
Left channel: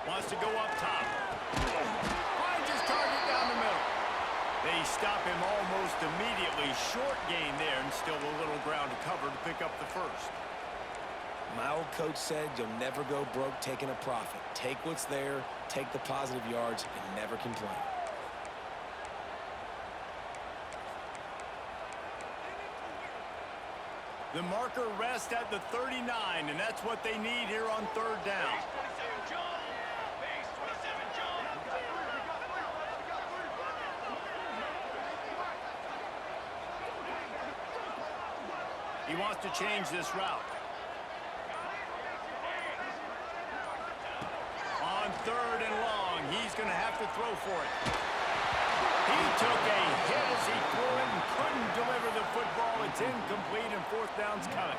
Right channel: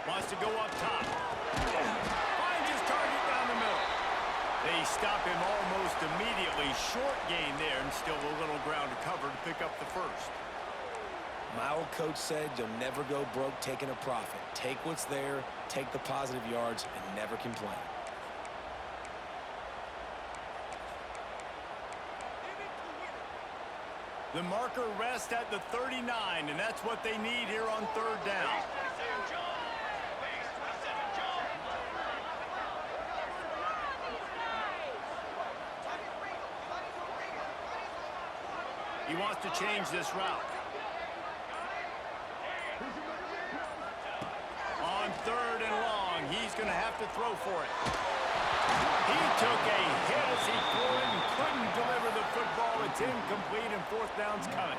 Wants to go up top. Finds his target down the middle. They stop him almost immediately. Short gain there, and still a little ground to cover to pick up the first. My old coach said you'll never go broke taking a profit. Take what's there, take the positive yards, and never complain. The marker rests at the 39, and that's what they need here on third down. He wants to change this route. third and long. He's going to have to throw for it. He took a hit as he threw it and couldn't deliver the football. It's incomplete, and fourth down's coming.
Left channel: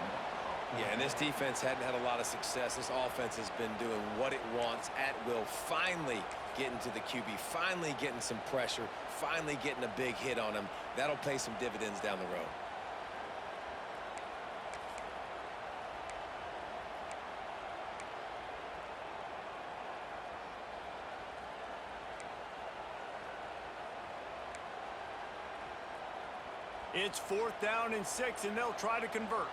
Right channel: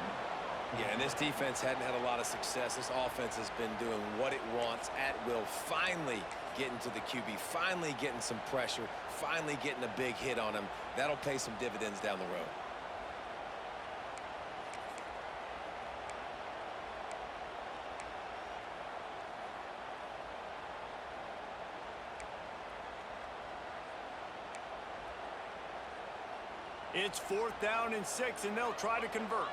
Yeah, and this defense hadn't had a lot of success. This offense has been doing what it wants at will. Finally getting to the QB, finally getting some pressure, finally getting a big hit on him. That'll pay some dividends down the road. It's fourth down and 6, and they'll try to convert.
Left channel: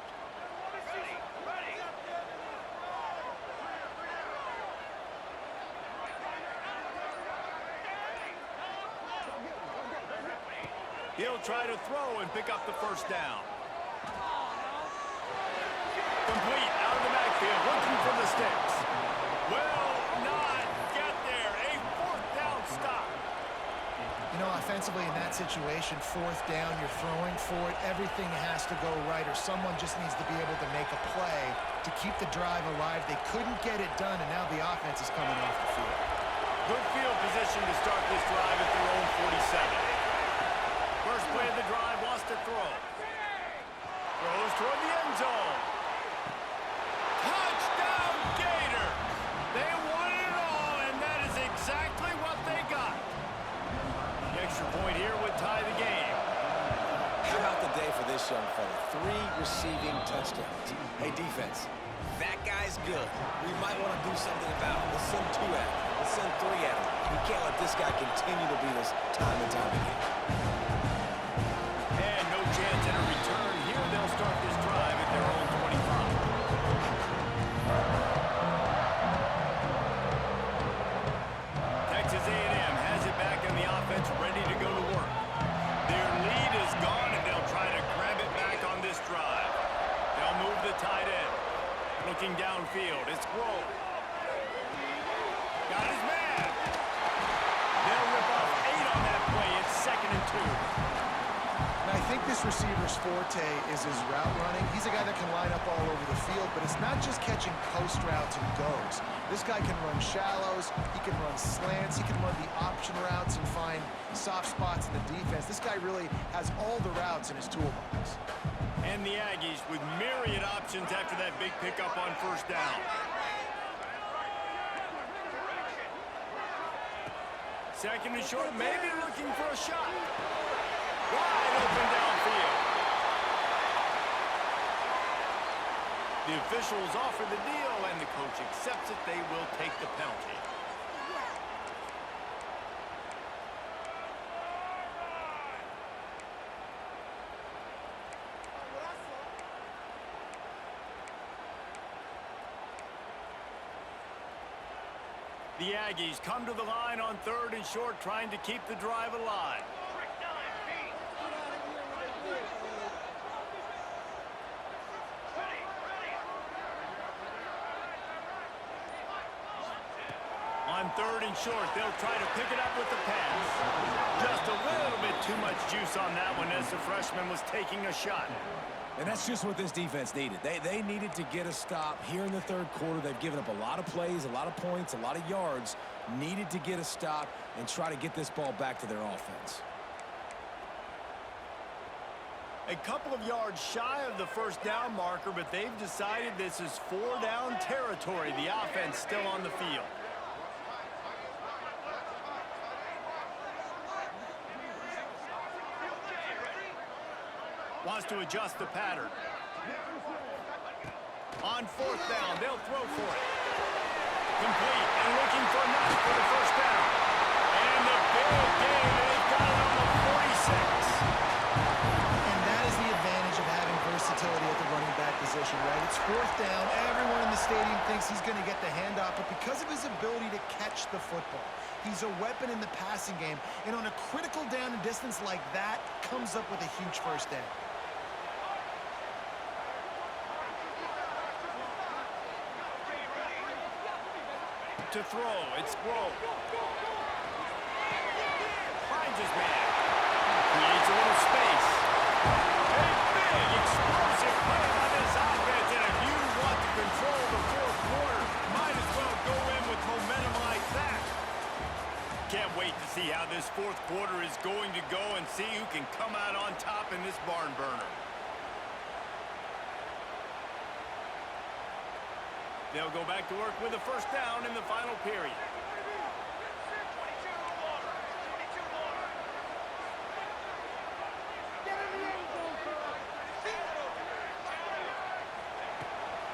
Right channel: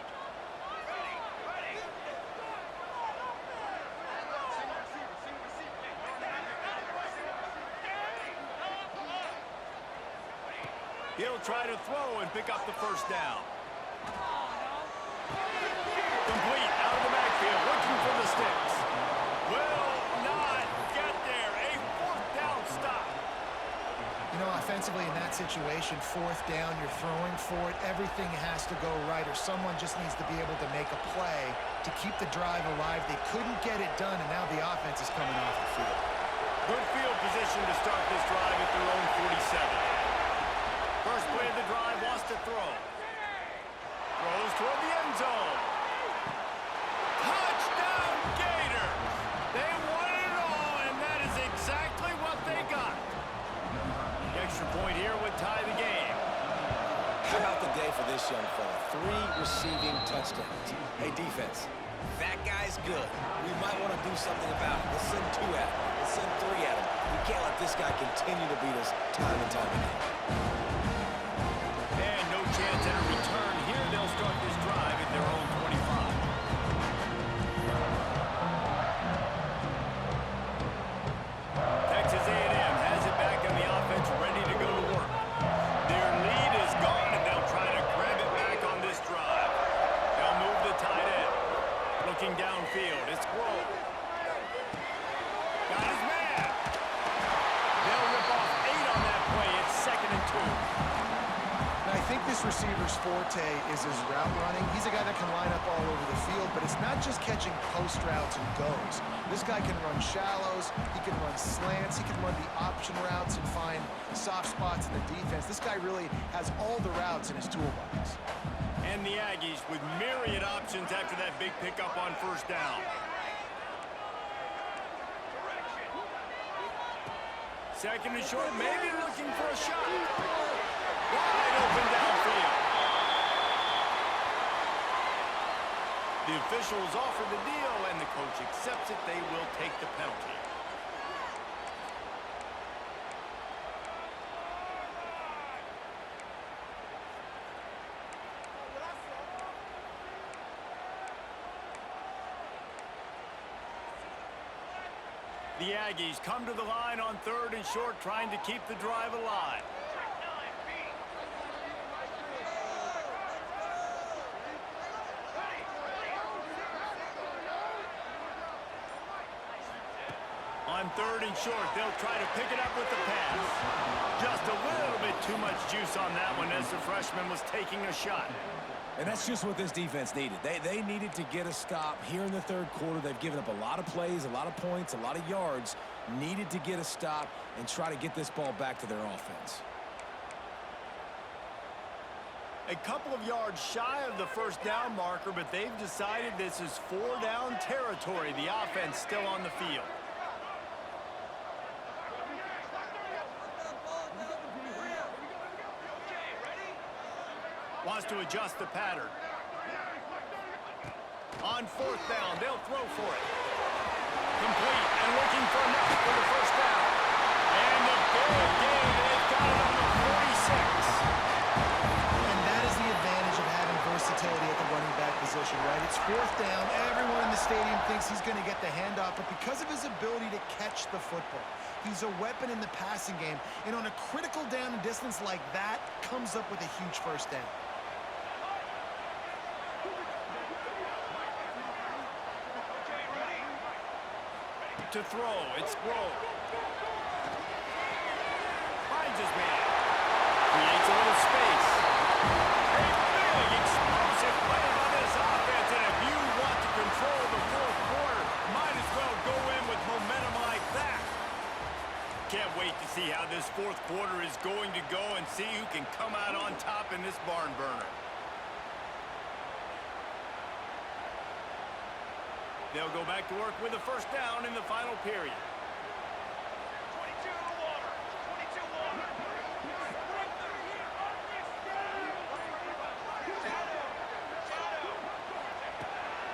He'll try to throw and pick up the first down. Complete out of the backfield, looking for the sticks. Will not get there. A fourth down stop. You know, offensively in that situation, fourth down, you're throwing for it. Everything has to go right, or someone just needs to be able to make a play to keep the drive alive. They couldn't get it done, and now the offense is coming off the field. Good field position to start this drive at their own 47. First play of the drive, wants to throw. Throws toward the end zone. Touchdown, Gators! They won it all, and that is exactly what they got. The extra point here would tie the game. How about the day for this young fella? 3 receiving touchdowns. Hey, defense, that guy's good. We might want to do something about it. Let's send 2 at him. Let's send 3 at him. We can't let this guy continue to beat us time and time again. And no chance at a return here. They'll start this drive at their own 25. Texas A&M has it back on the offense, ready to go to work. Their lead is gone, and they'll try to grab it back on this drive. They'll move the tight end. Looking downfield, it's Grove. Got his man. They'll rip off 8 on that play. It's 2nd and 2. Now, I think this receiver's forte is his route running. He's a guy that can line up all over the field, but it's not just catching post routes and goes. This guy can run shallows, he can run slants, he can run the option routes and find soft spots in the defense. This guy really has all the routes in his toolbox. And the Aggies with myriad options after that big pickup on first down. Second and short, maybe looking for a shot. Wide open downfield. The officials offer the deal, and the coach accepts it. They will take the penalty. The Aggies come to the line on 3rd and short, trying to keep the drive alive. On 3rd and short, they'll try to pick it up with the pass. Just a little bit too much juice on that one as the freshman was taking a shot. And that's just what this defense needed. They needed to get a stop here in the 3rd quarter. They've given up a lot of plays, a lot of points, a lot of yards. Needed to get a stop and try to get this ball back to their offense. A couple of yards shy of the first down marker, but they've decided this is 4-down territory. The offense still on the field. Wants to adjust the pattern. On 4th down, they'll throw for it. Complete and looking for enough for the first down. And the big gain, they've got it on the 46. And that is the advantage of having versatility at the running back position, right? It's 4th down. Everyone in the stadium thinks he's going to get the handoff, but because of his ability to catch the football, he's a weapon in the passing game. And on a critical down and distance like that, comes up with a huge first down. To throw, it's Grove. Finds his man. Creates a little space. A big, explosive play by this offense, and if you want to control the 4th quarter, might as well go in with momentum like that. Can't wait to see how this fourth quarter is going to go and see who can come out on top in this barn burner. They'll go back to work with a first down in the final period. 22 water. 22 water.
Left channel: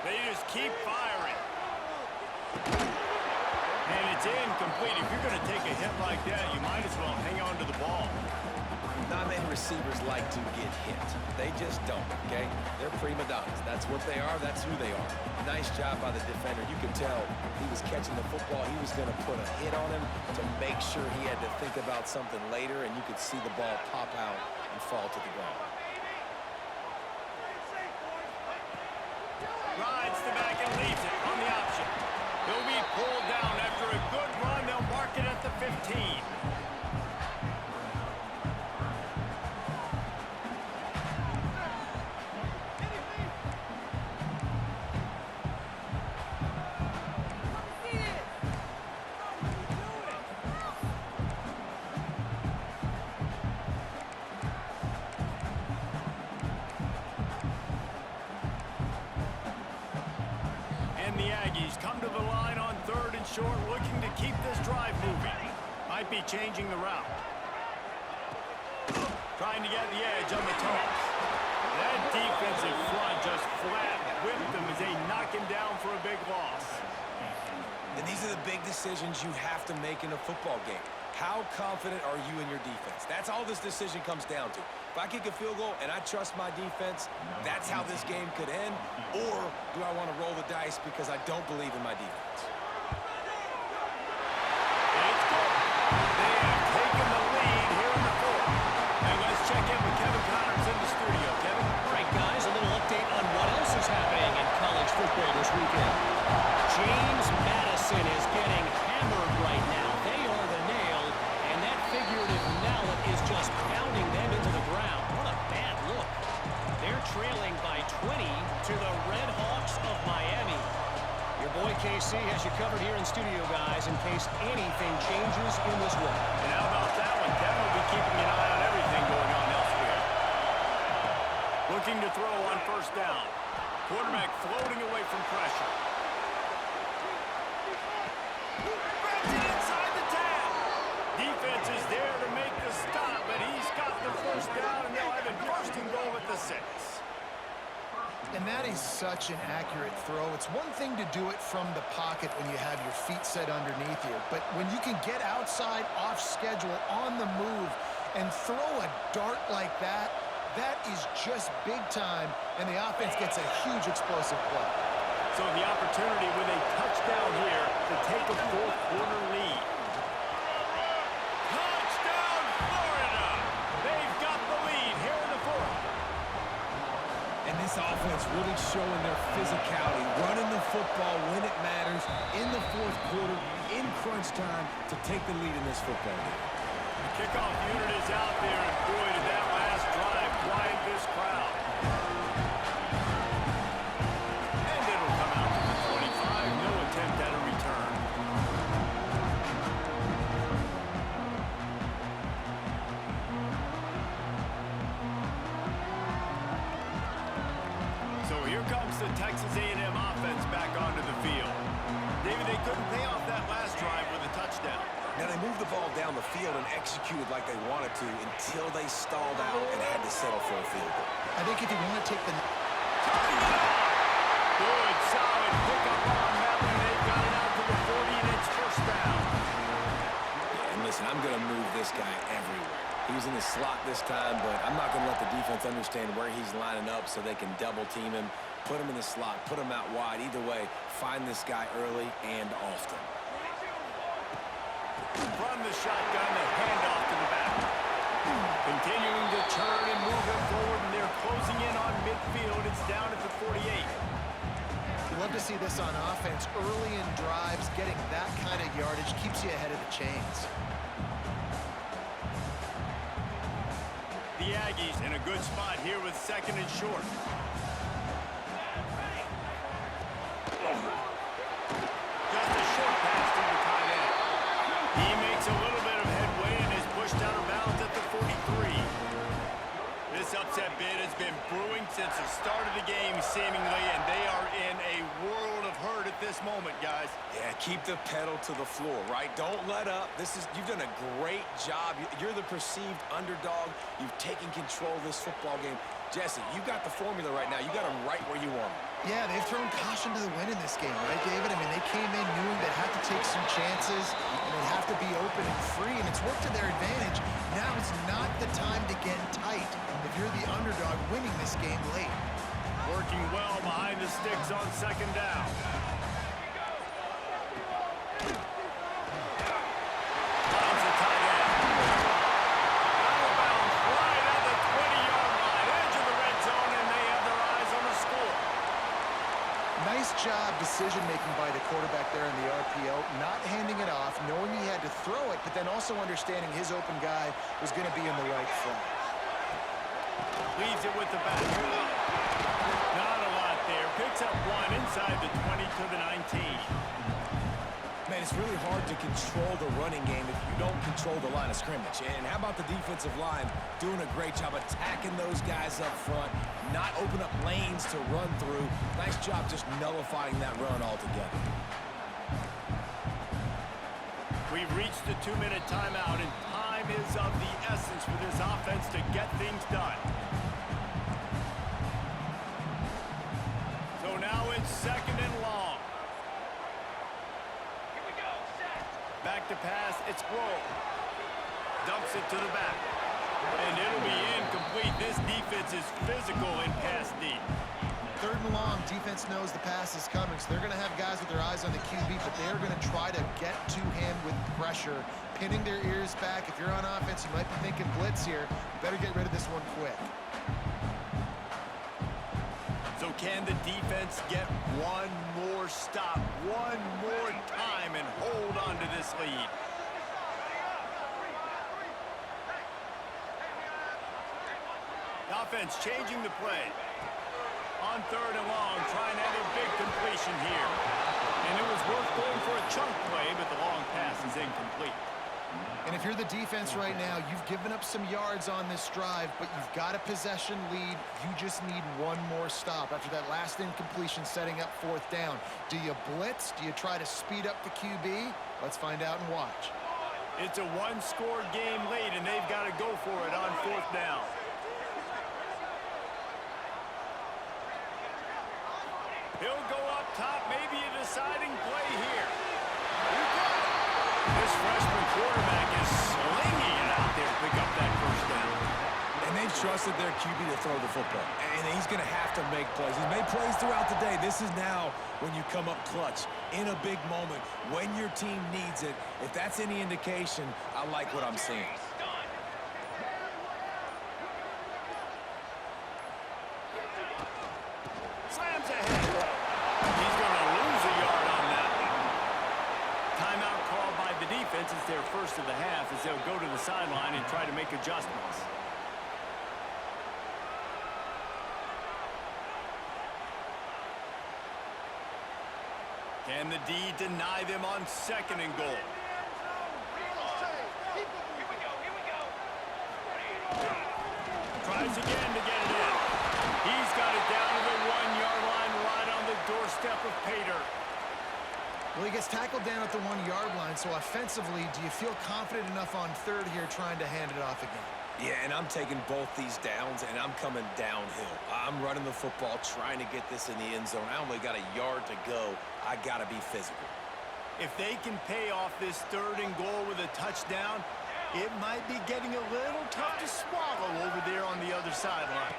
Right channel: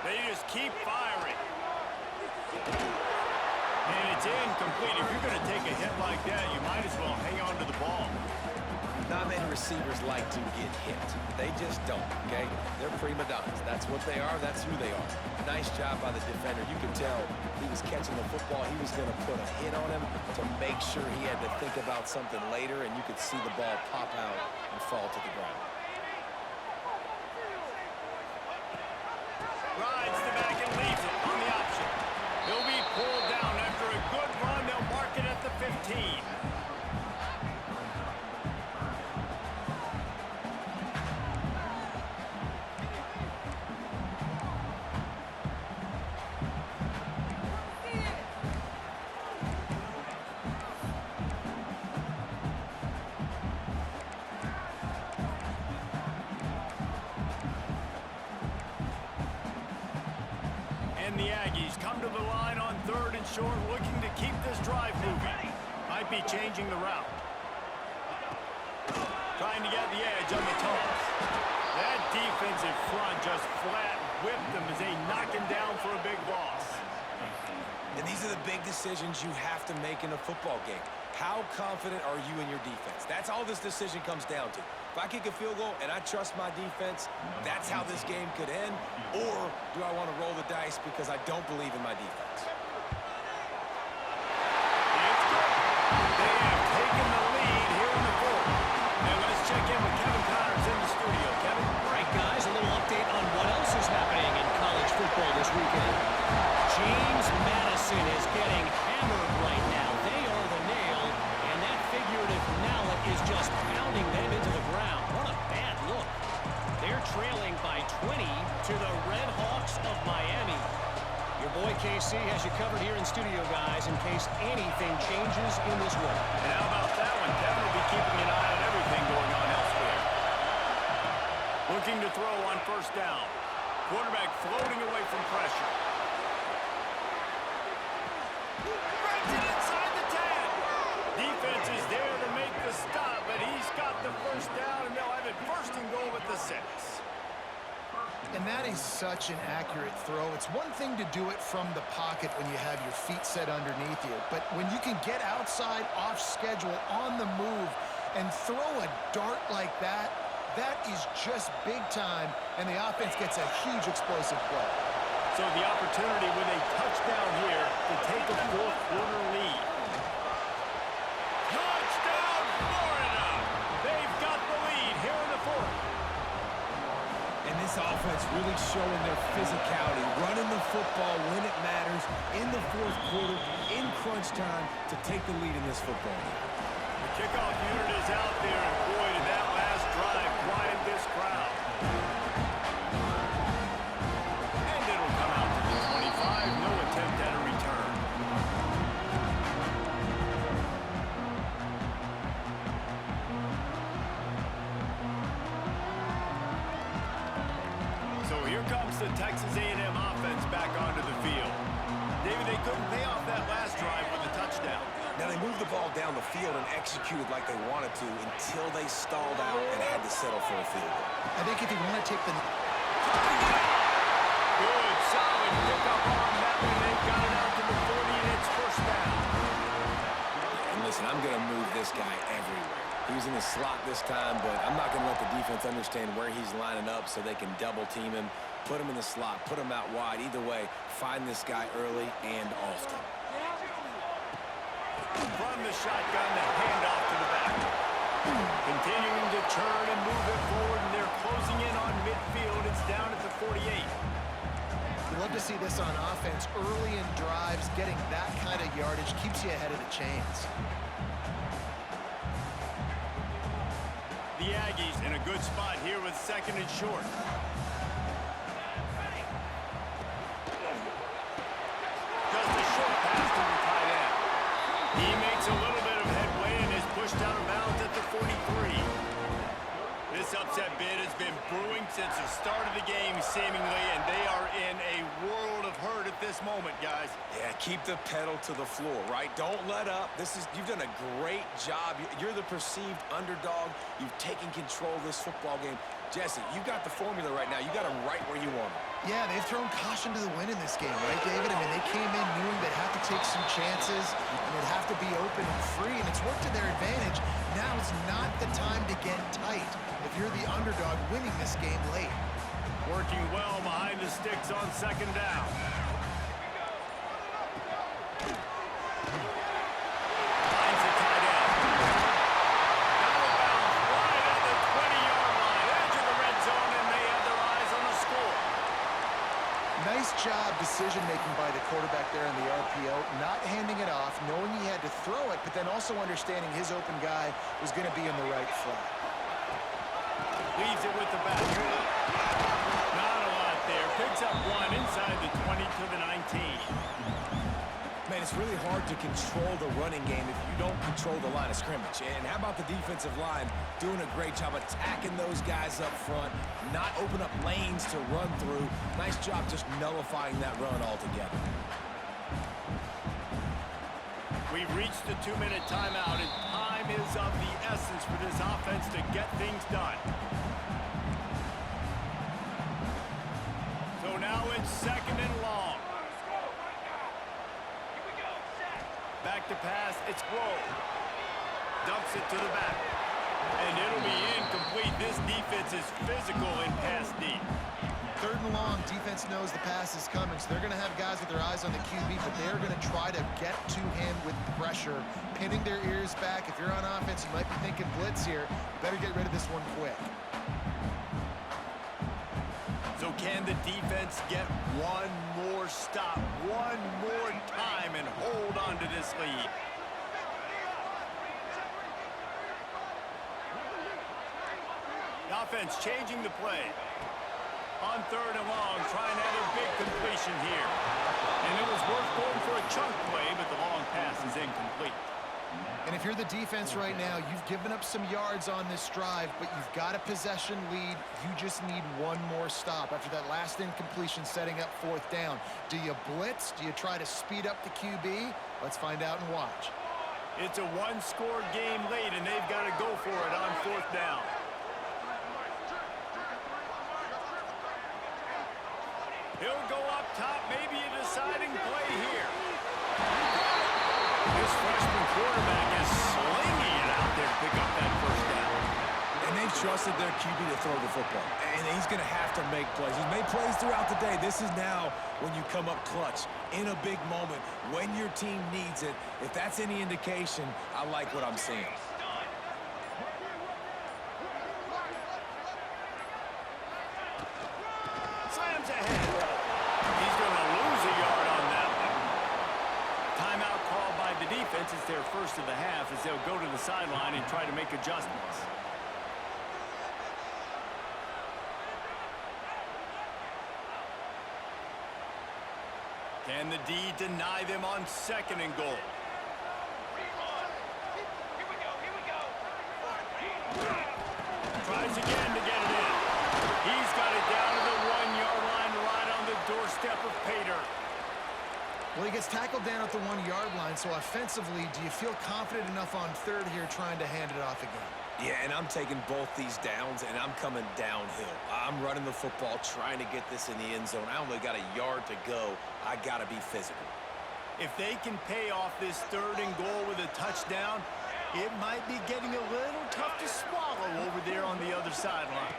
They just keep firing. And it's incomplete. If you're going to take a hit like that, you might as well hang on to the ball. Not many receivers like to get hit. They just don't, okay? They're prima donnas. That's what they are. That's who they are. Nice job by the defender. You could tell he was catching the football. He was going to put a hit on him to make sure he had to think about something later, and you could see the ball pop out and fall to the ground. Rides the back and leaves it on the option. He'll be pulled down after a good run. They'll mark it at the 15. And the Aggies come to the line on 3rd and short, looking to keep this drive moving. Might be changing the route. Trying to get the edge on the toss. That defensive front just flat whipped them as they knock him down for a big loss. And these are the big decisions you have to make in a football game. How confident are you in your defense? That's all this decision comes down to. If I kick a field goal and I trust my defense, that's how this game could end. Or do I want to roll the dice because I don't believe in my defense? It's good. They have taken the lead here in the fourth. And let's check in with Kevin Connors in the studio. Kevin? All right, guys, a little update on what else is happening in college football this weekend. James Madison is getting hammered right now. They are the nail, and that figurative mallet is just pounding them into the ground. What a bad look. They're trailing by 20 to the Red Hawks of Miami. Your boy KC has you covered here in studio, guys, in case anything changes in this one. And how about that one? Kevin will be keeping an eye on everything going on elsewhere. Looking to throw on first down. Quarterback floating away from pressure. Brings it inside the 10. Defense is there to make the stop, but he's got the first down, and they'll have it first and goal at the 6. And that is such an accurate throw. It's one thing to do it from the pocket when you have your feet set underneath you, but when you can get outside, off schedule, on the move, and throw a dart like that, that is just big time, and the offense gets a huge explosive play. So the opportunity with a touchdown here to take a fourth quarter lead. Touchdown, Florida! They've got the lead here in the fourth. And this offense really showing their physicality, running the football when it matters, in the fourth quarter, in crunch time, to take the lead in this football game. The kickoff unit is out there, and boy, did that last drive quiet this crowd. And it'll come out to the 25, no attempt at a return. So here comes the Texas A&M offense back onto the field. David, they couldn't pay off that last drive with a touchdown. Now, they moved the ball down the field and executed like they wanted to until they stalled out and had to settle for a field goal. I think if you want to take the... Turning it on! Good, solid pickup on that one. They've got it out to the 40, and it's first down. Yeah, and listen, I'm going to move this guy everywhere. He was in the slot this time, but I'm not going to let the defense understand where he's lining up so they can double-team him, put him in the slot, put him out wide. Either way, find this guy early and often. From the shotgun, the handoff to the back. Continuing to turn and move it forward, and they're closing in on midfield. It's down at the 48. You love to see this on offense. Early in drives, getting that kind of yardage keeps you ahead of the chains. The Aggies in a good spot here with 2nd and short. Just a short pass to the tight end. He makes a little bit pushed out of bounds at the 43. This upset bid has been brewing since the start of the game, seemingly, and they are in a world of hurt at this moment, guys. Yeah, keep the pedal to the floor, right? Don't let up. You've done a great job. You're the perceived underdog. You've taken control of this football game. Jesse, you got the formula right now. You got them right where you want them. Yeah, they've thrown caution to the wind in this game, right, David? I mean, they came in knowing they'd have to take some chances, and they'd have to be open and free, and it's worked to their advantage. Now is not the time to get tight if you're the underdog winning this game late. Working well behind the sticks on second down. Finds the tight end. Out of bounds right at the 20-yard line. Edge of the red zone, and they have their eyes on the score. Nice job decision-making by the quarterback there in the RPO, not handing it off, knowing he had to throw it, but then also understanding his open guy was going to be in the right flat. Leaves it with the back. Not a lot there. Picks up one inside the 20 to the 19. Man, it's really hard to control the running game if you don't control the line of scrimmage. And how about the defensive line doing a great job attacking those guys up front, not open up lanes to run through. Nice job just nullifying that run altogether. We've reached the 2-minute timeout, and time is of the essence for this offense to get things done. So now it's second and long. Here we go, set. Back to pass, it's Roll. Dumps it to the back. And it'll be incomplete. This defense is physical in pass deep. Third and long, defense knows the pass is coming, so they're going to have guys with their eyes on the QB, but they're going to try to get to him with pressure, pinning their ears back. If you're on offense, you might be thinking blitz here. You better get rid of this one quick. So can the defense get one more stop, one more time, and hold on to this lead? The offense changing the play. On third and long, trying to have a big completion here. And it was worth going for a chunk play, but the long pass is incomplete. And if you're the defense right now, you've given up some yards on this drive, but you've got a possession lead. You just need one more stop after that last incompletion setting up fourth down. Do you blitz? Do you try to speed up the QB? Let's find out and watch. It's a one-score game late, and they've got to go for it on fourth down. He'll go up top, maybe a deciding play here. You got it. This freshman quarterback is slinging it out there to pick up that first down. And they've trusted their QB to throw the football. And he's going to have to make plays. He's made plays throughout the day. This is now when you come up clutch in a big moment when your team needs it. If that's any indication, I like what I'm seeing. Slams ahead. He's going to lose a yard on that one. Timeout called by the defense. It's their first of the half as they'll go to the sideline and try to make adjustments. Can the D deny them on second and goal? Here we go. Tries again to get it in. He's got it down to the 1-yard line right on the doorstep of Pater. Well, he gets tackled down at the 1-yard line, so offensively, do you feel confident enough on third here trying to hand it off again? Yeah, and I'm taking both these downs, and I'm coming downhill. I'm running the football, trying to get this in the end zone. I only got a yard to go. I got to be physical. If they can pay off this third and goal with a touchdown, it might be getting a little tough to swallow over there on the other sideline.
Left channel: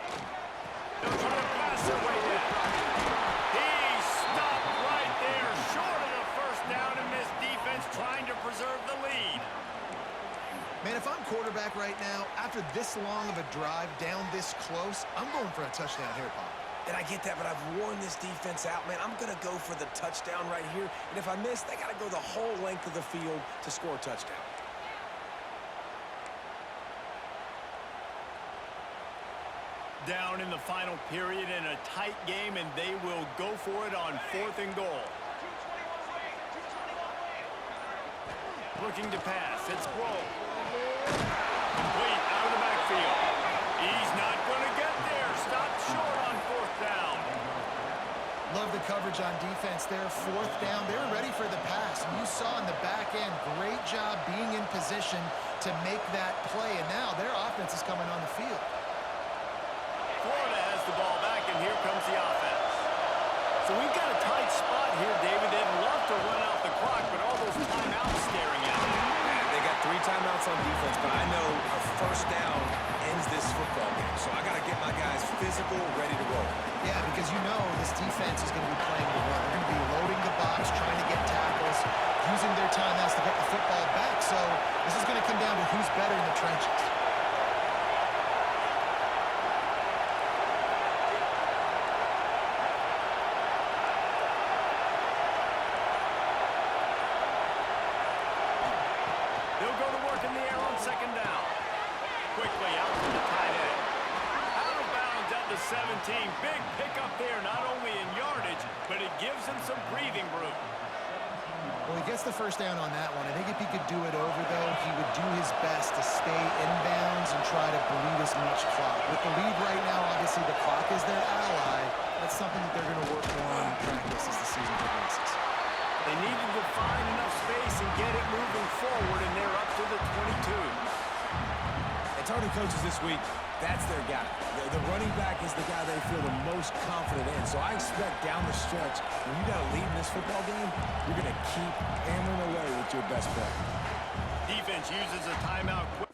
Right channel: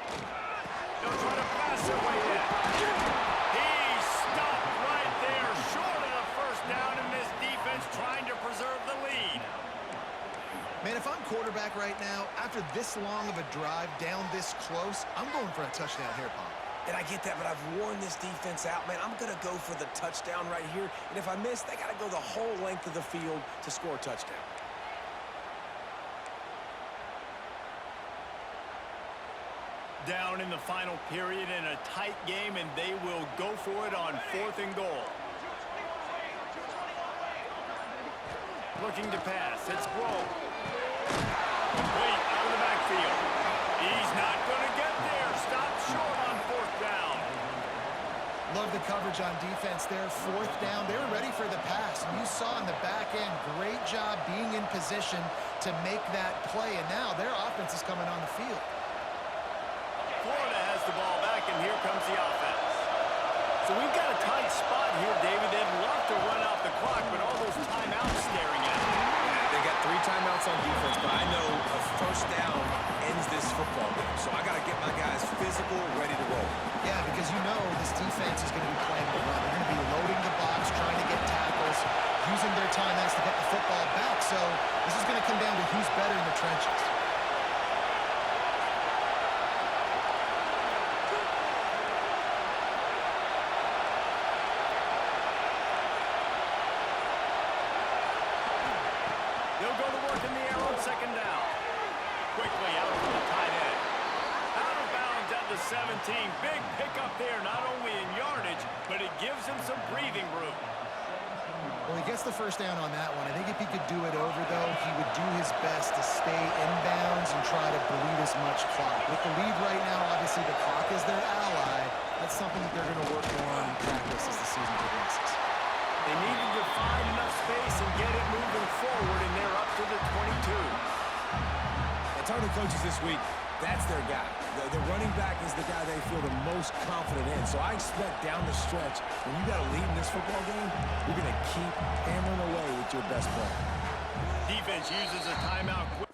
They'll try to pass their way in. He stopped right there, short of the first down, and this defense trying to preserve the lead. Man, if I'm quarterback right now, after this long of a drive down this close, I'm going for a touchdown here, Pop. And I get that, but I've worn this defense out, man. I'm going to go for the touchdown right here. And if I miss, they got to go the whole length of the field to score a touchdown. Down in the final period in a tight game, and they will go for it on fourth and goal. 221 lane. Looking to pass. It's Roll. Complete out of the backfield. He's not going to get there. Stopped short on fourth down. Love the coverage on defense there. Fourth down. They were ready for the pass. And you saw in the back end, great job being in position to make that play. And now their offense is coming on the field. Florida has the ball back, and here comes the offense. So we've got a tight spot here, David. They'd love to run out the clock, but all those timeouts staring at them. Yeah, they got 3 timeouts on defense, but I know a first down ends this football game. So I got to get my guys physical, ready to roll. Yeah, because you know this defense is going to be playing the run. They're going to be loading the box, trying to get tackles, using their timeouts to get the football back. So this is going to come down to who's better in the trenches. They'll go to work in the air on second down. Quickly out to the tight end. Out of bounds at the 17. Big pickup there, not only in yardage, but it gives him some breathing room. Well, he gets the first down on that one. I think if he could do it over, though, he would do his best to stay inbounds and try to bleed as much clock. With the lead right now, obviously the clock is their ally. That's something that they're going to work more on in practice as the season progresses. They needed to find enough space and get it moving forward, and they're up to the 22. And talking to coaches this week, that's their guy. The running back is the guy they feel the most confident in. So I expect down the stretch, when you got a lead in this football game, you're going to keep hammering away with your best player. Defense uses a timeout quick.